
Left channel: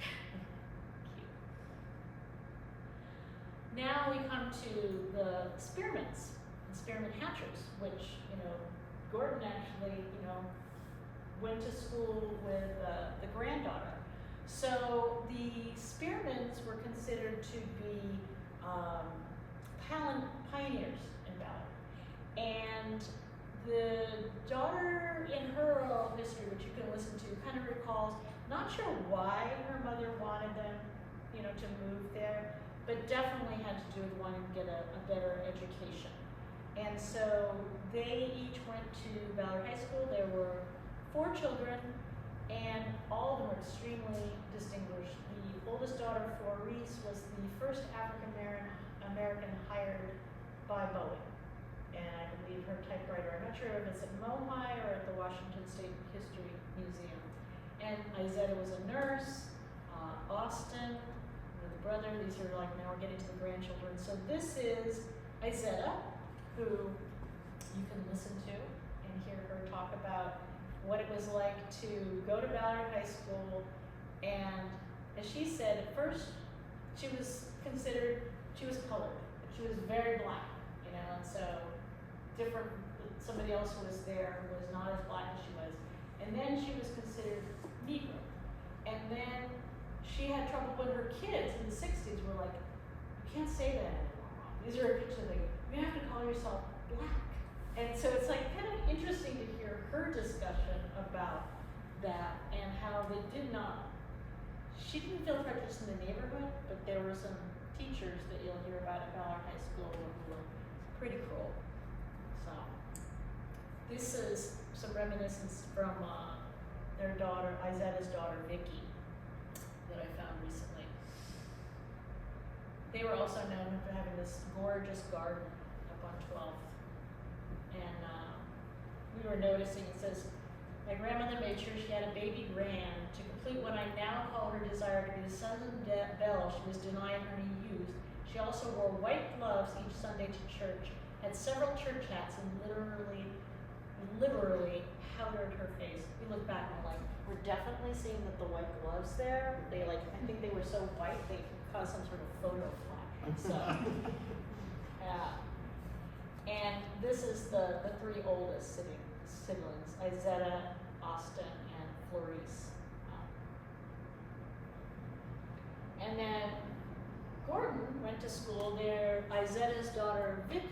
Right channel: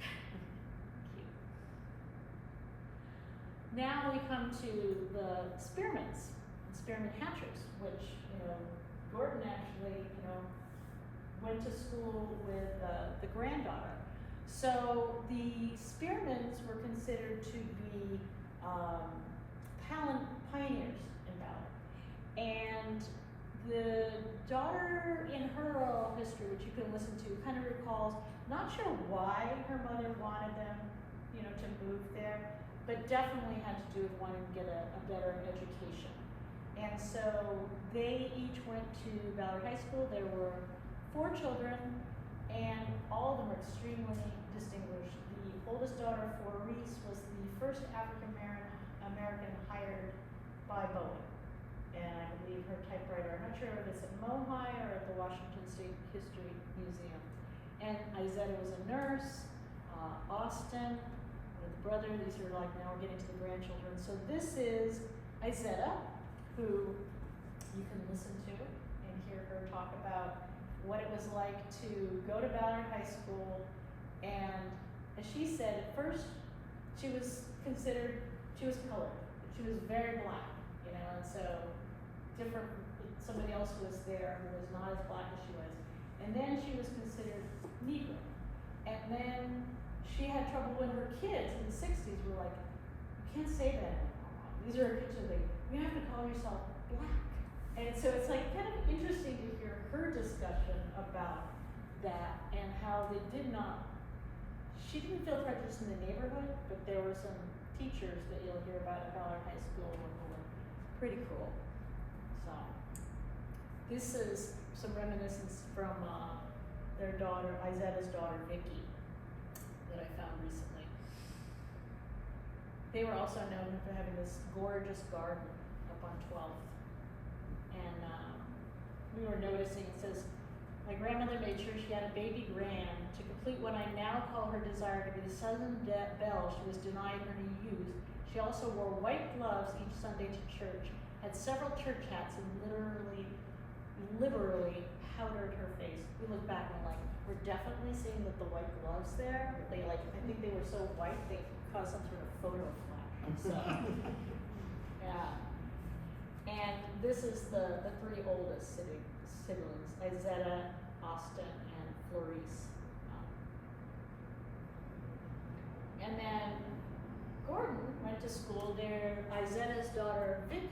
Cute. Now we come to the Spearmans, the Spearman Hatchers, which, Gordon actually, went to school with the granddaughter. So the Spearmans were considered to be pioneers in Ballard. And the daughter, in her oral history, which you can listen to, kind of recalls, not sure why her mother wanted them, to move there, but definitely had to do with wanting to get a better education. And so they each went to Ballard High School. There were 4 children, and all of them were extremely distinguished. The oldest daughter, Maurice, was the first African American hired by Boeing. And I believe her typewriter, I'm not sure if it's at Mohi or at the Washington State History Museum. And Izetta was a nurse, Austin, the brother, these are like, now we're getting to the grandchildren. So this is Izetta, who you can listen to and hear her talk about what it was like to go to Ballard High School. And as she said, at first she was colored. She was very black, and so different, somebody else was there who was not as black as she was. And then she was considered Negro. And then she had trouble when her kids in the 60s were like, you can't say that anymore, Mom. These are pictures like, you have to call yourself black. And so it's like kind of interesting to hear her discussion about that and how they did not, she didn't feel prejudiced in the neighborhood, but there were some teachers that you'll hear about at Ballard High School who were pretty cruel. So this is some reminiscence from their daughter, Izetta's daughter, Vicky, that I found recently. They were also known for having this gorgeous garden up on 12th. And we were noticing, it says, my grandmother made sure she had a baby grand to complete what I now call her desire to be the Southern Belle she was denied in her youth. She also wore white gloves each Sunday to church, had several church hats, and literally powdered her face. You look back and like, we're definitely seeing that the white gloves there, they like, I think they were so white, they caused some sort of photo flash, so. Yeah. And this is the three oldest siblings, Izetta, Austin, and Florice. And then Gordon went to school there. Izetta's daughter, Vicky,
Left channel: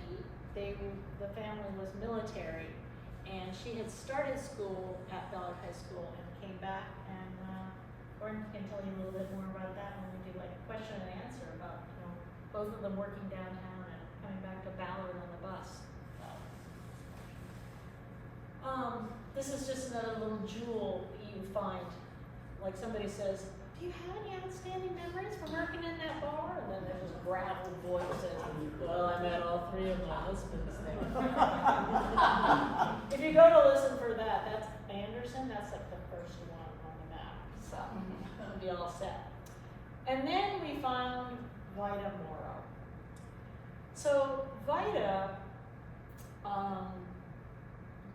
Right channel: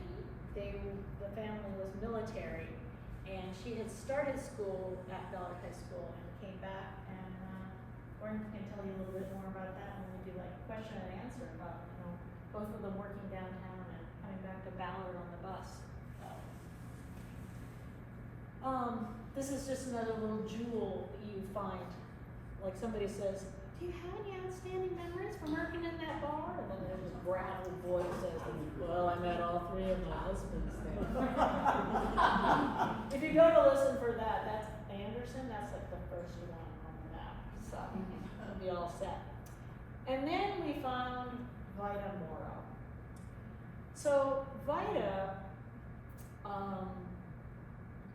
the family was military, and she had started school at Ballard High School and came back, and Gordon can tell you a little bit more about that when we do like question and answer about, both of them working downtown and coming back to Ballard on the bus. This is just another little jewel you find. Like somebody says, do you have any outstanding memories from working in that bar? And then there's this gravel boy who says, well, I met all three of my husbands there. If you go to listen for that, that's Anderson, that's like the first one on the map. So it'll be all set. And then we found Vida Morrow. So Vida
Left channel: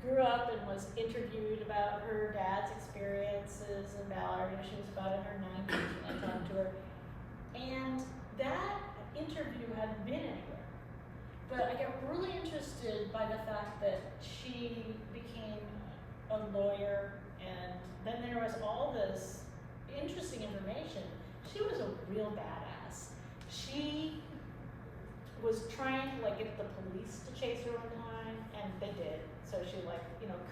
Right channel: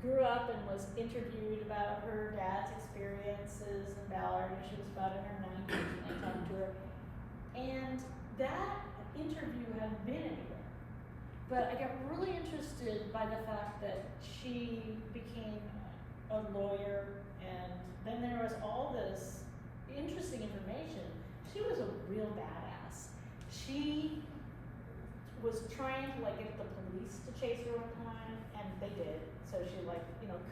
grew up and was interviewed about her dad's experiences in Ballard, and she was about in her 90s when I talked to her. And that interview hadn't been anywhere. But I got really interested by the fact that she became a lawyer, and then there was all this interesting information. She was a real badass. She was trying to like get the police to chase her one time, and they did. So she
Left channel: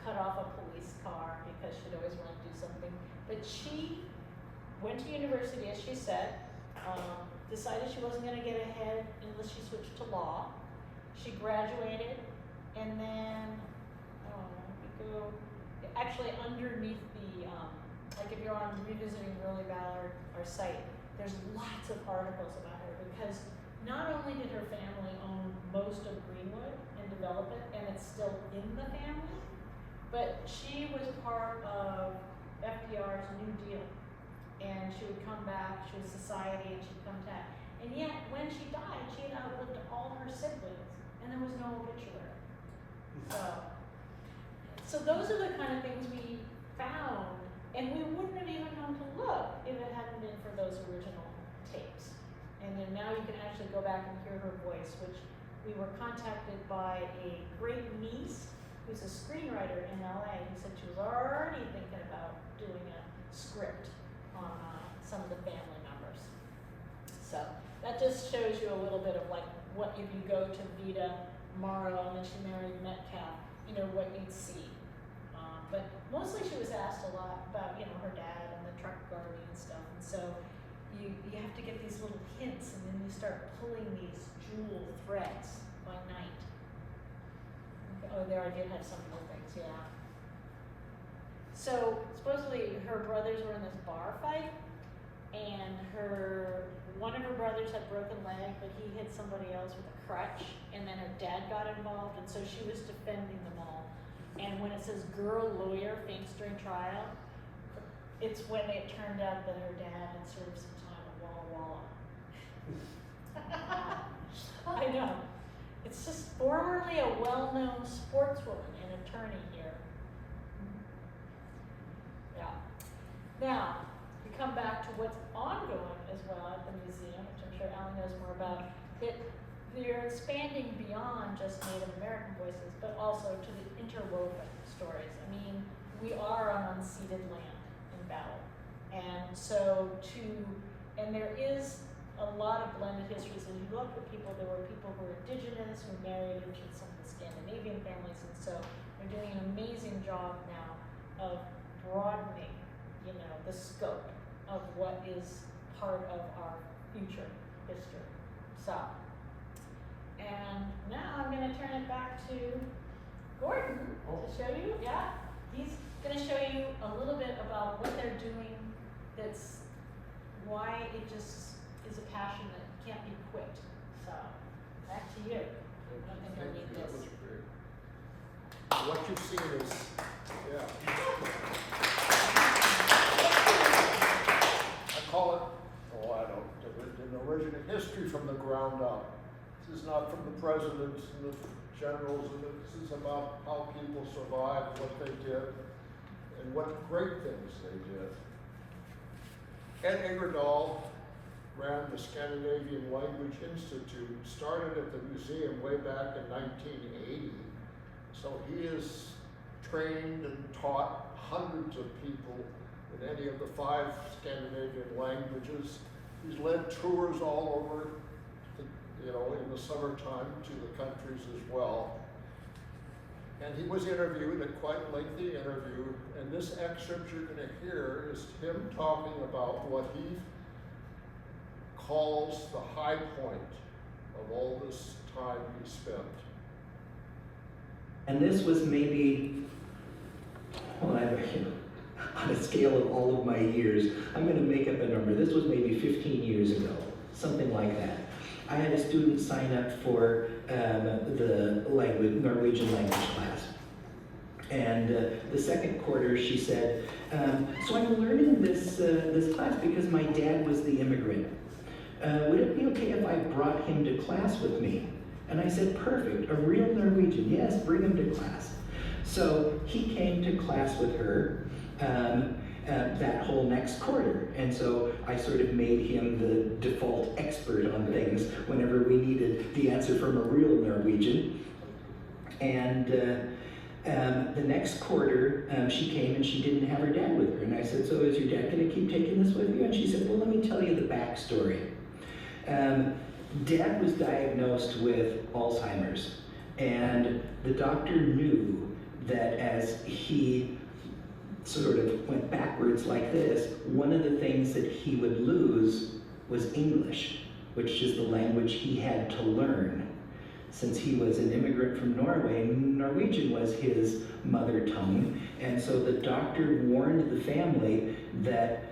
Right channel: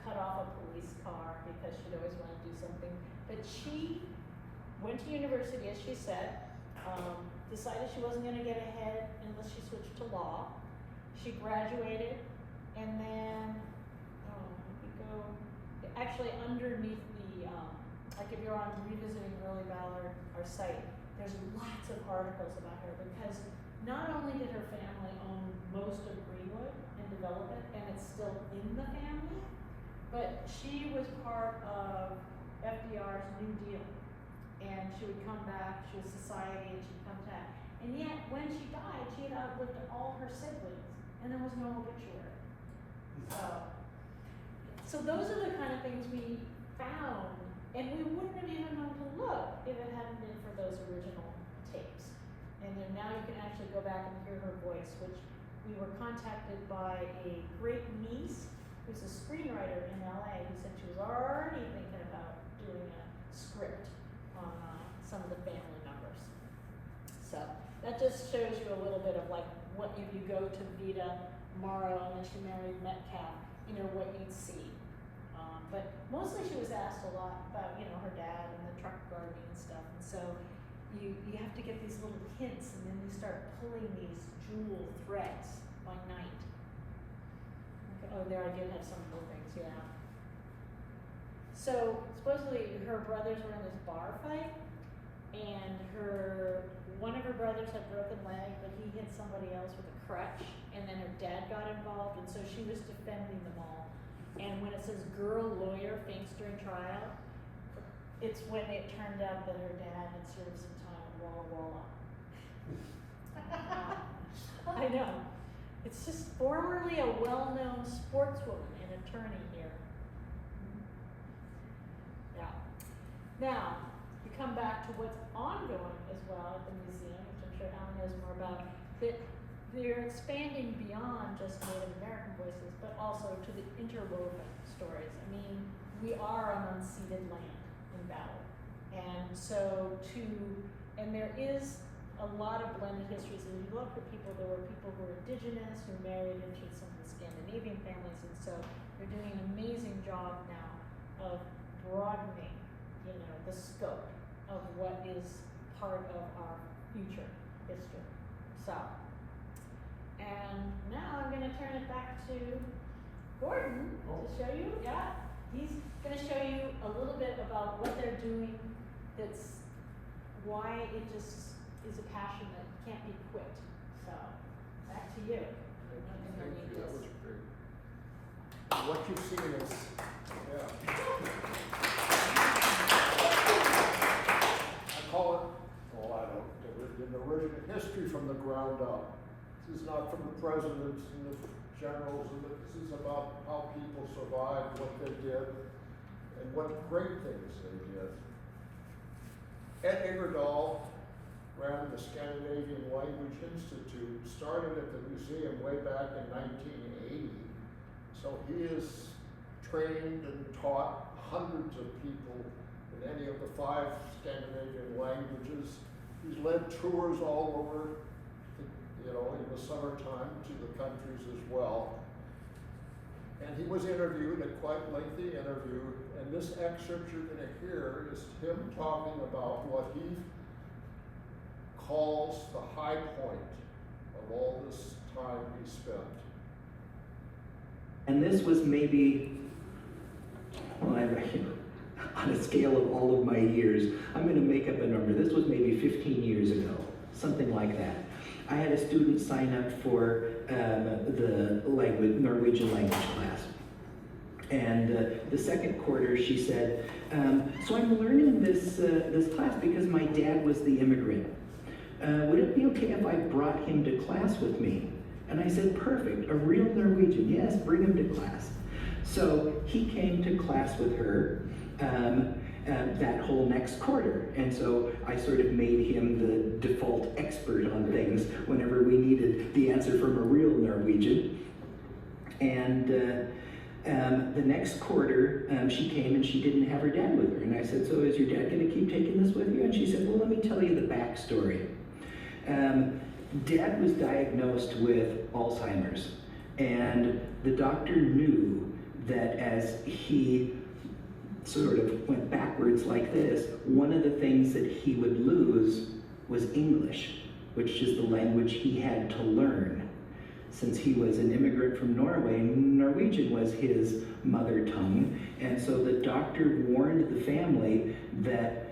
cut off a police car because she'd always wanted to do something. But she went to university, as she said, decided she wasn't gonna get ahead unless she switched to law. She graduated, and then, actually underneath the, like if you're on Revisiting Really Ballard, our site, there's lots of articles about her because not only did her family own most of Greenwood and develop it, and it's still in the family, but she was part of FDR's New Deal. And she would come back, she was society, and she'd come back. And yet, when she died, she had outlived all her siblings, and there was no obituary. So those are the kind of things we found, and we wouldn't have even known to look if it hadn't been for those original tapes. And then now you can actually go back and hear her voice, which we were contacted by a great niece who's a screenwriter in LA who said she was already thinking about doing a script on some of the family members. So that just shows you a little bit of like what if you go to Vida Morrow and then she married Metcalf, what you'd see. But mostly she was asked a lot about, her dad and the truck gardening and stuff. And so you have to get these little hints, and then you start pulling these jewel threads by night. Okay. Oh, there I did have some more things, yeah. So supposedly her brothers were in this bar fight, and one of her brothers had broken leg, but he hit somebody else with a crutch, and then her dad got involved, and so she was defending them all. And when it says girl lawyer faints during trial, it's when it turned out that her dad had served some time at Walla Walla. I know. It's just formerly a well-known sportswoman and attorney here. Yeah. Now, we come back to what's ongoing as well at the museum, which I'm sure Alan knows more about, that they're expanding beyond just Native American voices, but also to the interwoven stories. I mean, we are on unceded land in Ballard. And so and there is a lot of blended histories. And you look at people, there were people who were indigenous, who married into some of the Scandinavian families, and so they're doing an amazing job now of broadening, the scope of what is part of our future history. So, and now I'm gonna turn it back to Gordon to show you, he's gonna show you a little bit about what they're doing, that's why it just is a passion that can't be quit. So, back to you. Thank you, that was great. What you've seen is, yeah. I call it, oh, I don't, an original history from the ground up. This is not from the presidents and the generals, and this is about how people survived, what they did, and what great things they did. Ed Ingerdahl ran the Scandinavian Language Institute, started at the museum way back in 1980. So he has trained and taught hundreds of people in any of the 5 Scandinavian languages. He's led tours all over, in the summertime to the countries as well. And he was interviewed, a quite lengthy interview, and this excerpt you're going to hear is him talking about what he calls the high point of all this time he spent. And this was maybe, well, on a scale of all of my years, I'm going to make up a number. This was maybe 15 years ago, something like that. I had a student sign up for the Norwegian language class. And the second quarter, she said, so I'm learning this class because my dad was the immigrant. Would it be okay if I brought him to class with me? And I said, perfect, a real Norwegian, yes, bring him to class. So he came to class with her that whole next quarter. And so I sort of made him the default expert on things whenever we needed the answer from a real Norwegian. And the next quarter, she came and she didn't have her dad with her. And I said, so is your dad gonna keep taking this with you? And she said, well, let me tell you the backstory. Dad was diagnosed with Alzheimer's, and the doctor knew that as he sort of went backwards like this, one of the things that he would lose was English, which is the language he had to learn. Since he was an immigrant from Norway, Norwegian was his mother tongue, and so the doctor warned the family that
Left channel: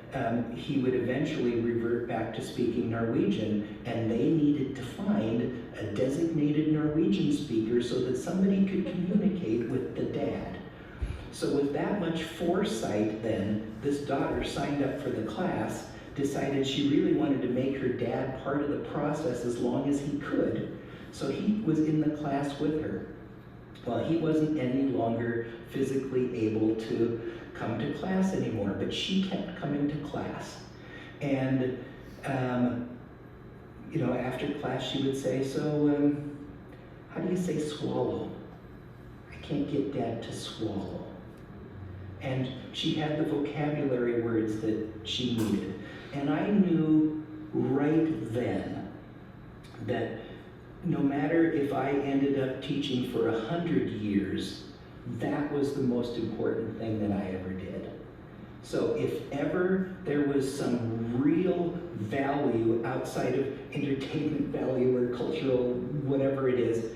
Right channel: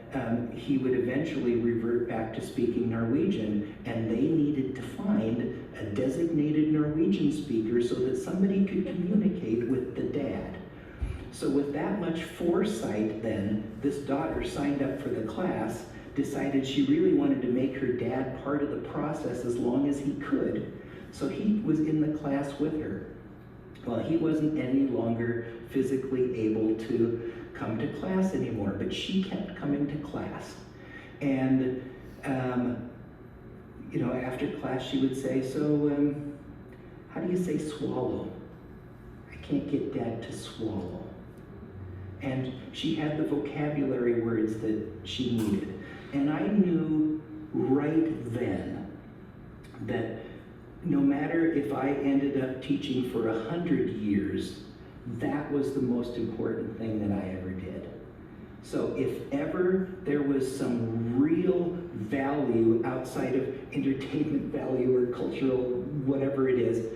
he would eventually revert back to speaking Norwegian, and they needed to find a designated Norwegian speaker so that somebody could communicate with the dad. So with that much foresight then, this daughter signed up for the class, decided she really wanted to make her dad part of the process as long as he could, so he was in the class with her. Well, he wasn't any longer physically able to come to class anymore, but she kept coming to class. And, after class she would say, so, how do you say swallow? I can't get Dad to swallow. And she had the vocabulary words that she needed. And I knew right then that no matter if I ended up teaching for 100 years, that was the most important thing that I ever did. So if ever there was some real value outside of entertainment value or cultural whatever it is,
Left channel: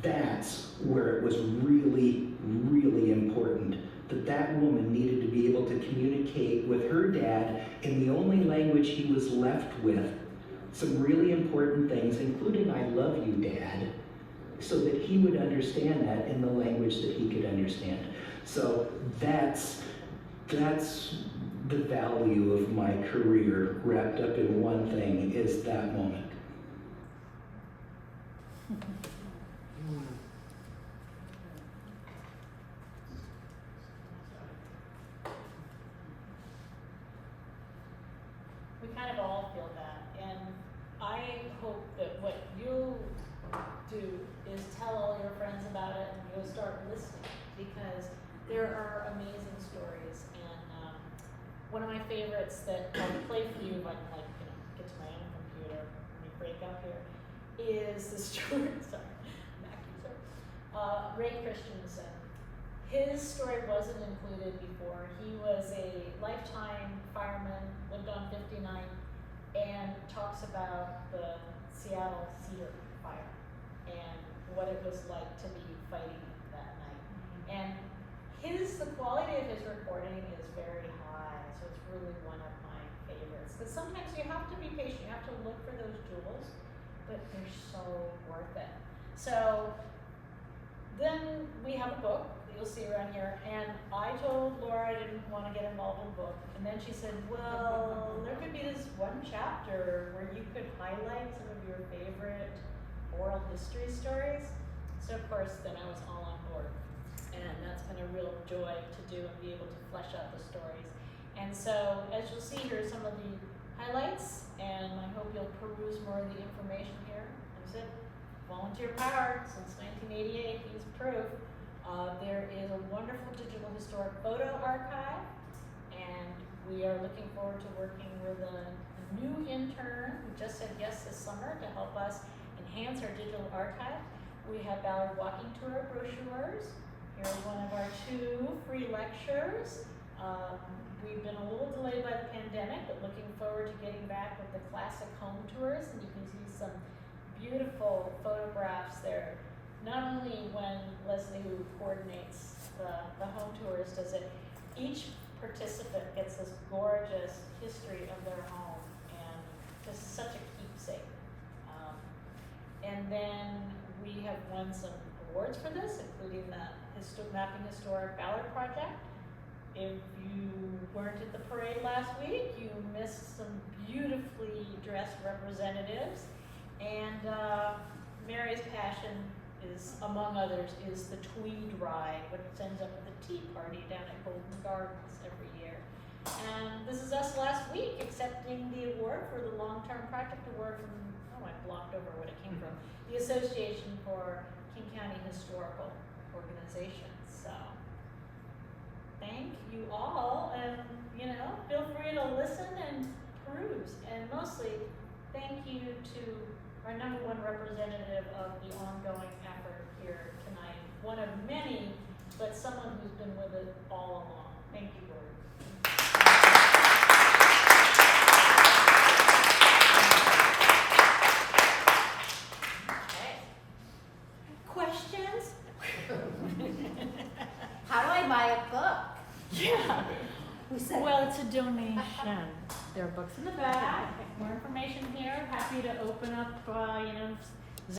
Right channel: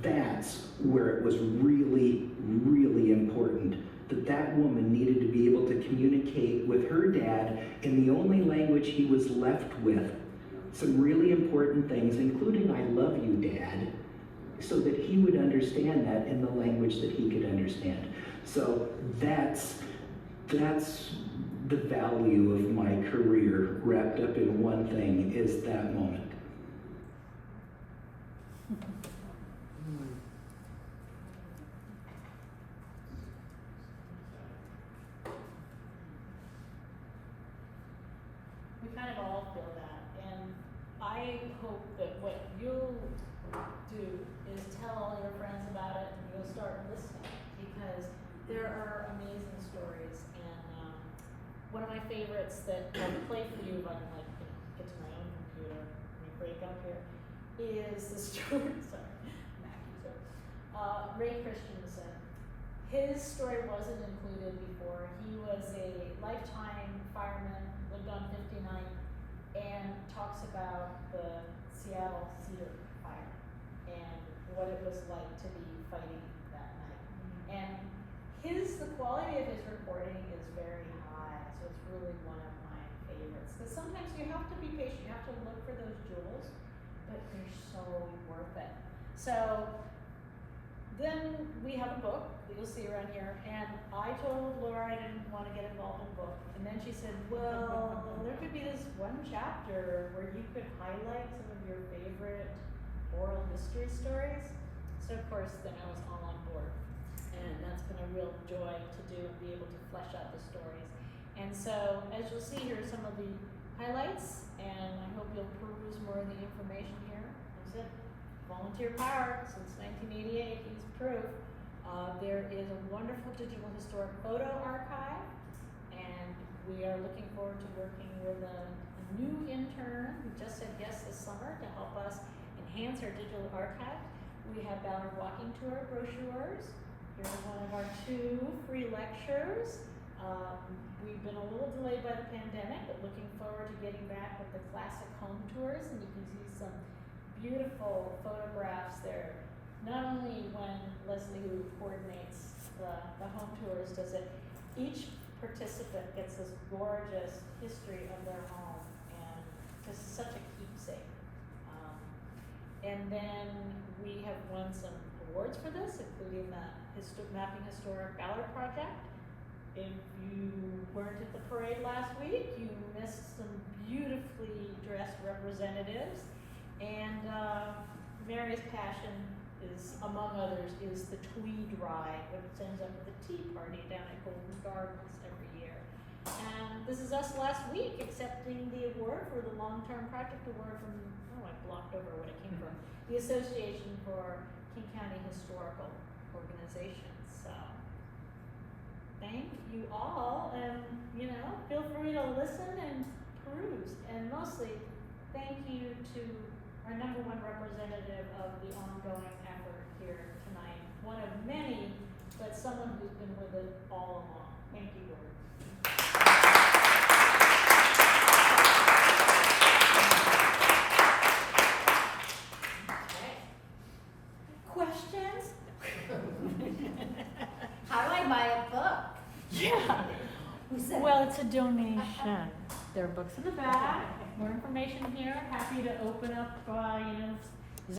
that's where it was really, really important. That woman needed to be able to communicate with her dad in the only language he was left with, some really important things, including I love you, Dad, so that he would understand that in the language that he could understand. So that's the value of my career wrapped up in one thing, is that moment. We kind of all feel that, and I hope that what you'll do is tell all your friends about it and you'll start listening, because there are amazing stories. And one of my favorites that I'll play for you if I can get to my own computer, let me break up here, is the story, sorry, Mac user, Ray Christensen. His story wasn't included before. He was a lifetime fireman, lived on 59, and talks about the Seattle Cedar Fire and what it was like to be fighting that night. And the quality of his recording is very high, so it's really one of my favorites. Because sometimes you have to be patient, you have to look for those jewels, but they're so worth it. So then we have a book that you'll see around here, and I told Laura I didn't want to get involved in the book, and then she said, well, there could be this one chapter where you could highlight some of your favorite oral history stories. So of course, then I was all on board, and that's been a real joy to do and be able to flesh out the stories. And so, as you'll see here, some of the highlights, and I hope you'll peruse more of the information here. As I said, volunteer power since 1988, he's proof. There is a wonderful digital historic photo archive, and we are looking forward to working with a new intern who just said yes this summer to help us enhance our digital archive. We have Ballard walking tour brochures. Here's one of our 2 free lectures. We've been a little delayed by the pandemic, but looking forward to getting back with the classic home tours, and you can see some beautiful photographs there. Not only when Leslie, who coordinates the home tours, does it, each participant gets this gorgeous history of their home, and just such a keepsake. And then we have won some awards for this, including the Mapping Historic Ballard Project. If you weren't at the parade last week, you missed some beautifully dressed representatives. And Mary's passion is, among others, is the Tweed Ride, which ends up with a tea party down at Golden Gardens every year. And this is us last week accepting the award for the long-term project award from, oh, I blocked over what it came from, the Association for King County Historical Organizations. So, thank you all, and feel free to listen and peruse, and mostly thank you to our #1 representative of the ongoing effort here tonight. One of many, but someone who's been with it all along. Thank you, Gordon. Okay. Questions? How do I buy a book? Yeah. Well, it's a donation. There are books in the back, more information here. Happy to open up,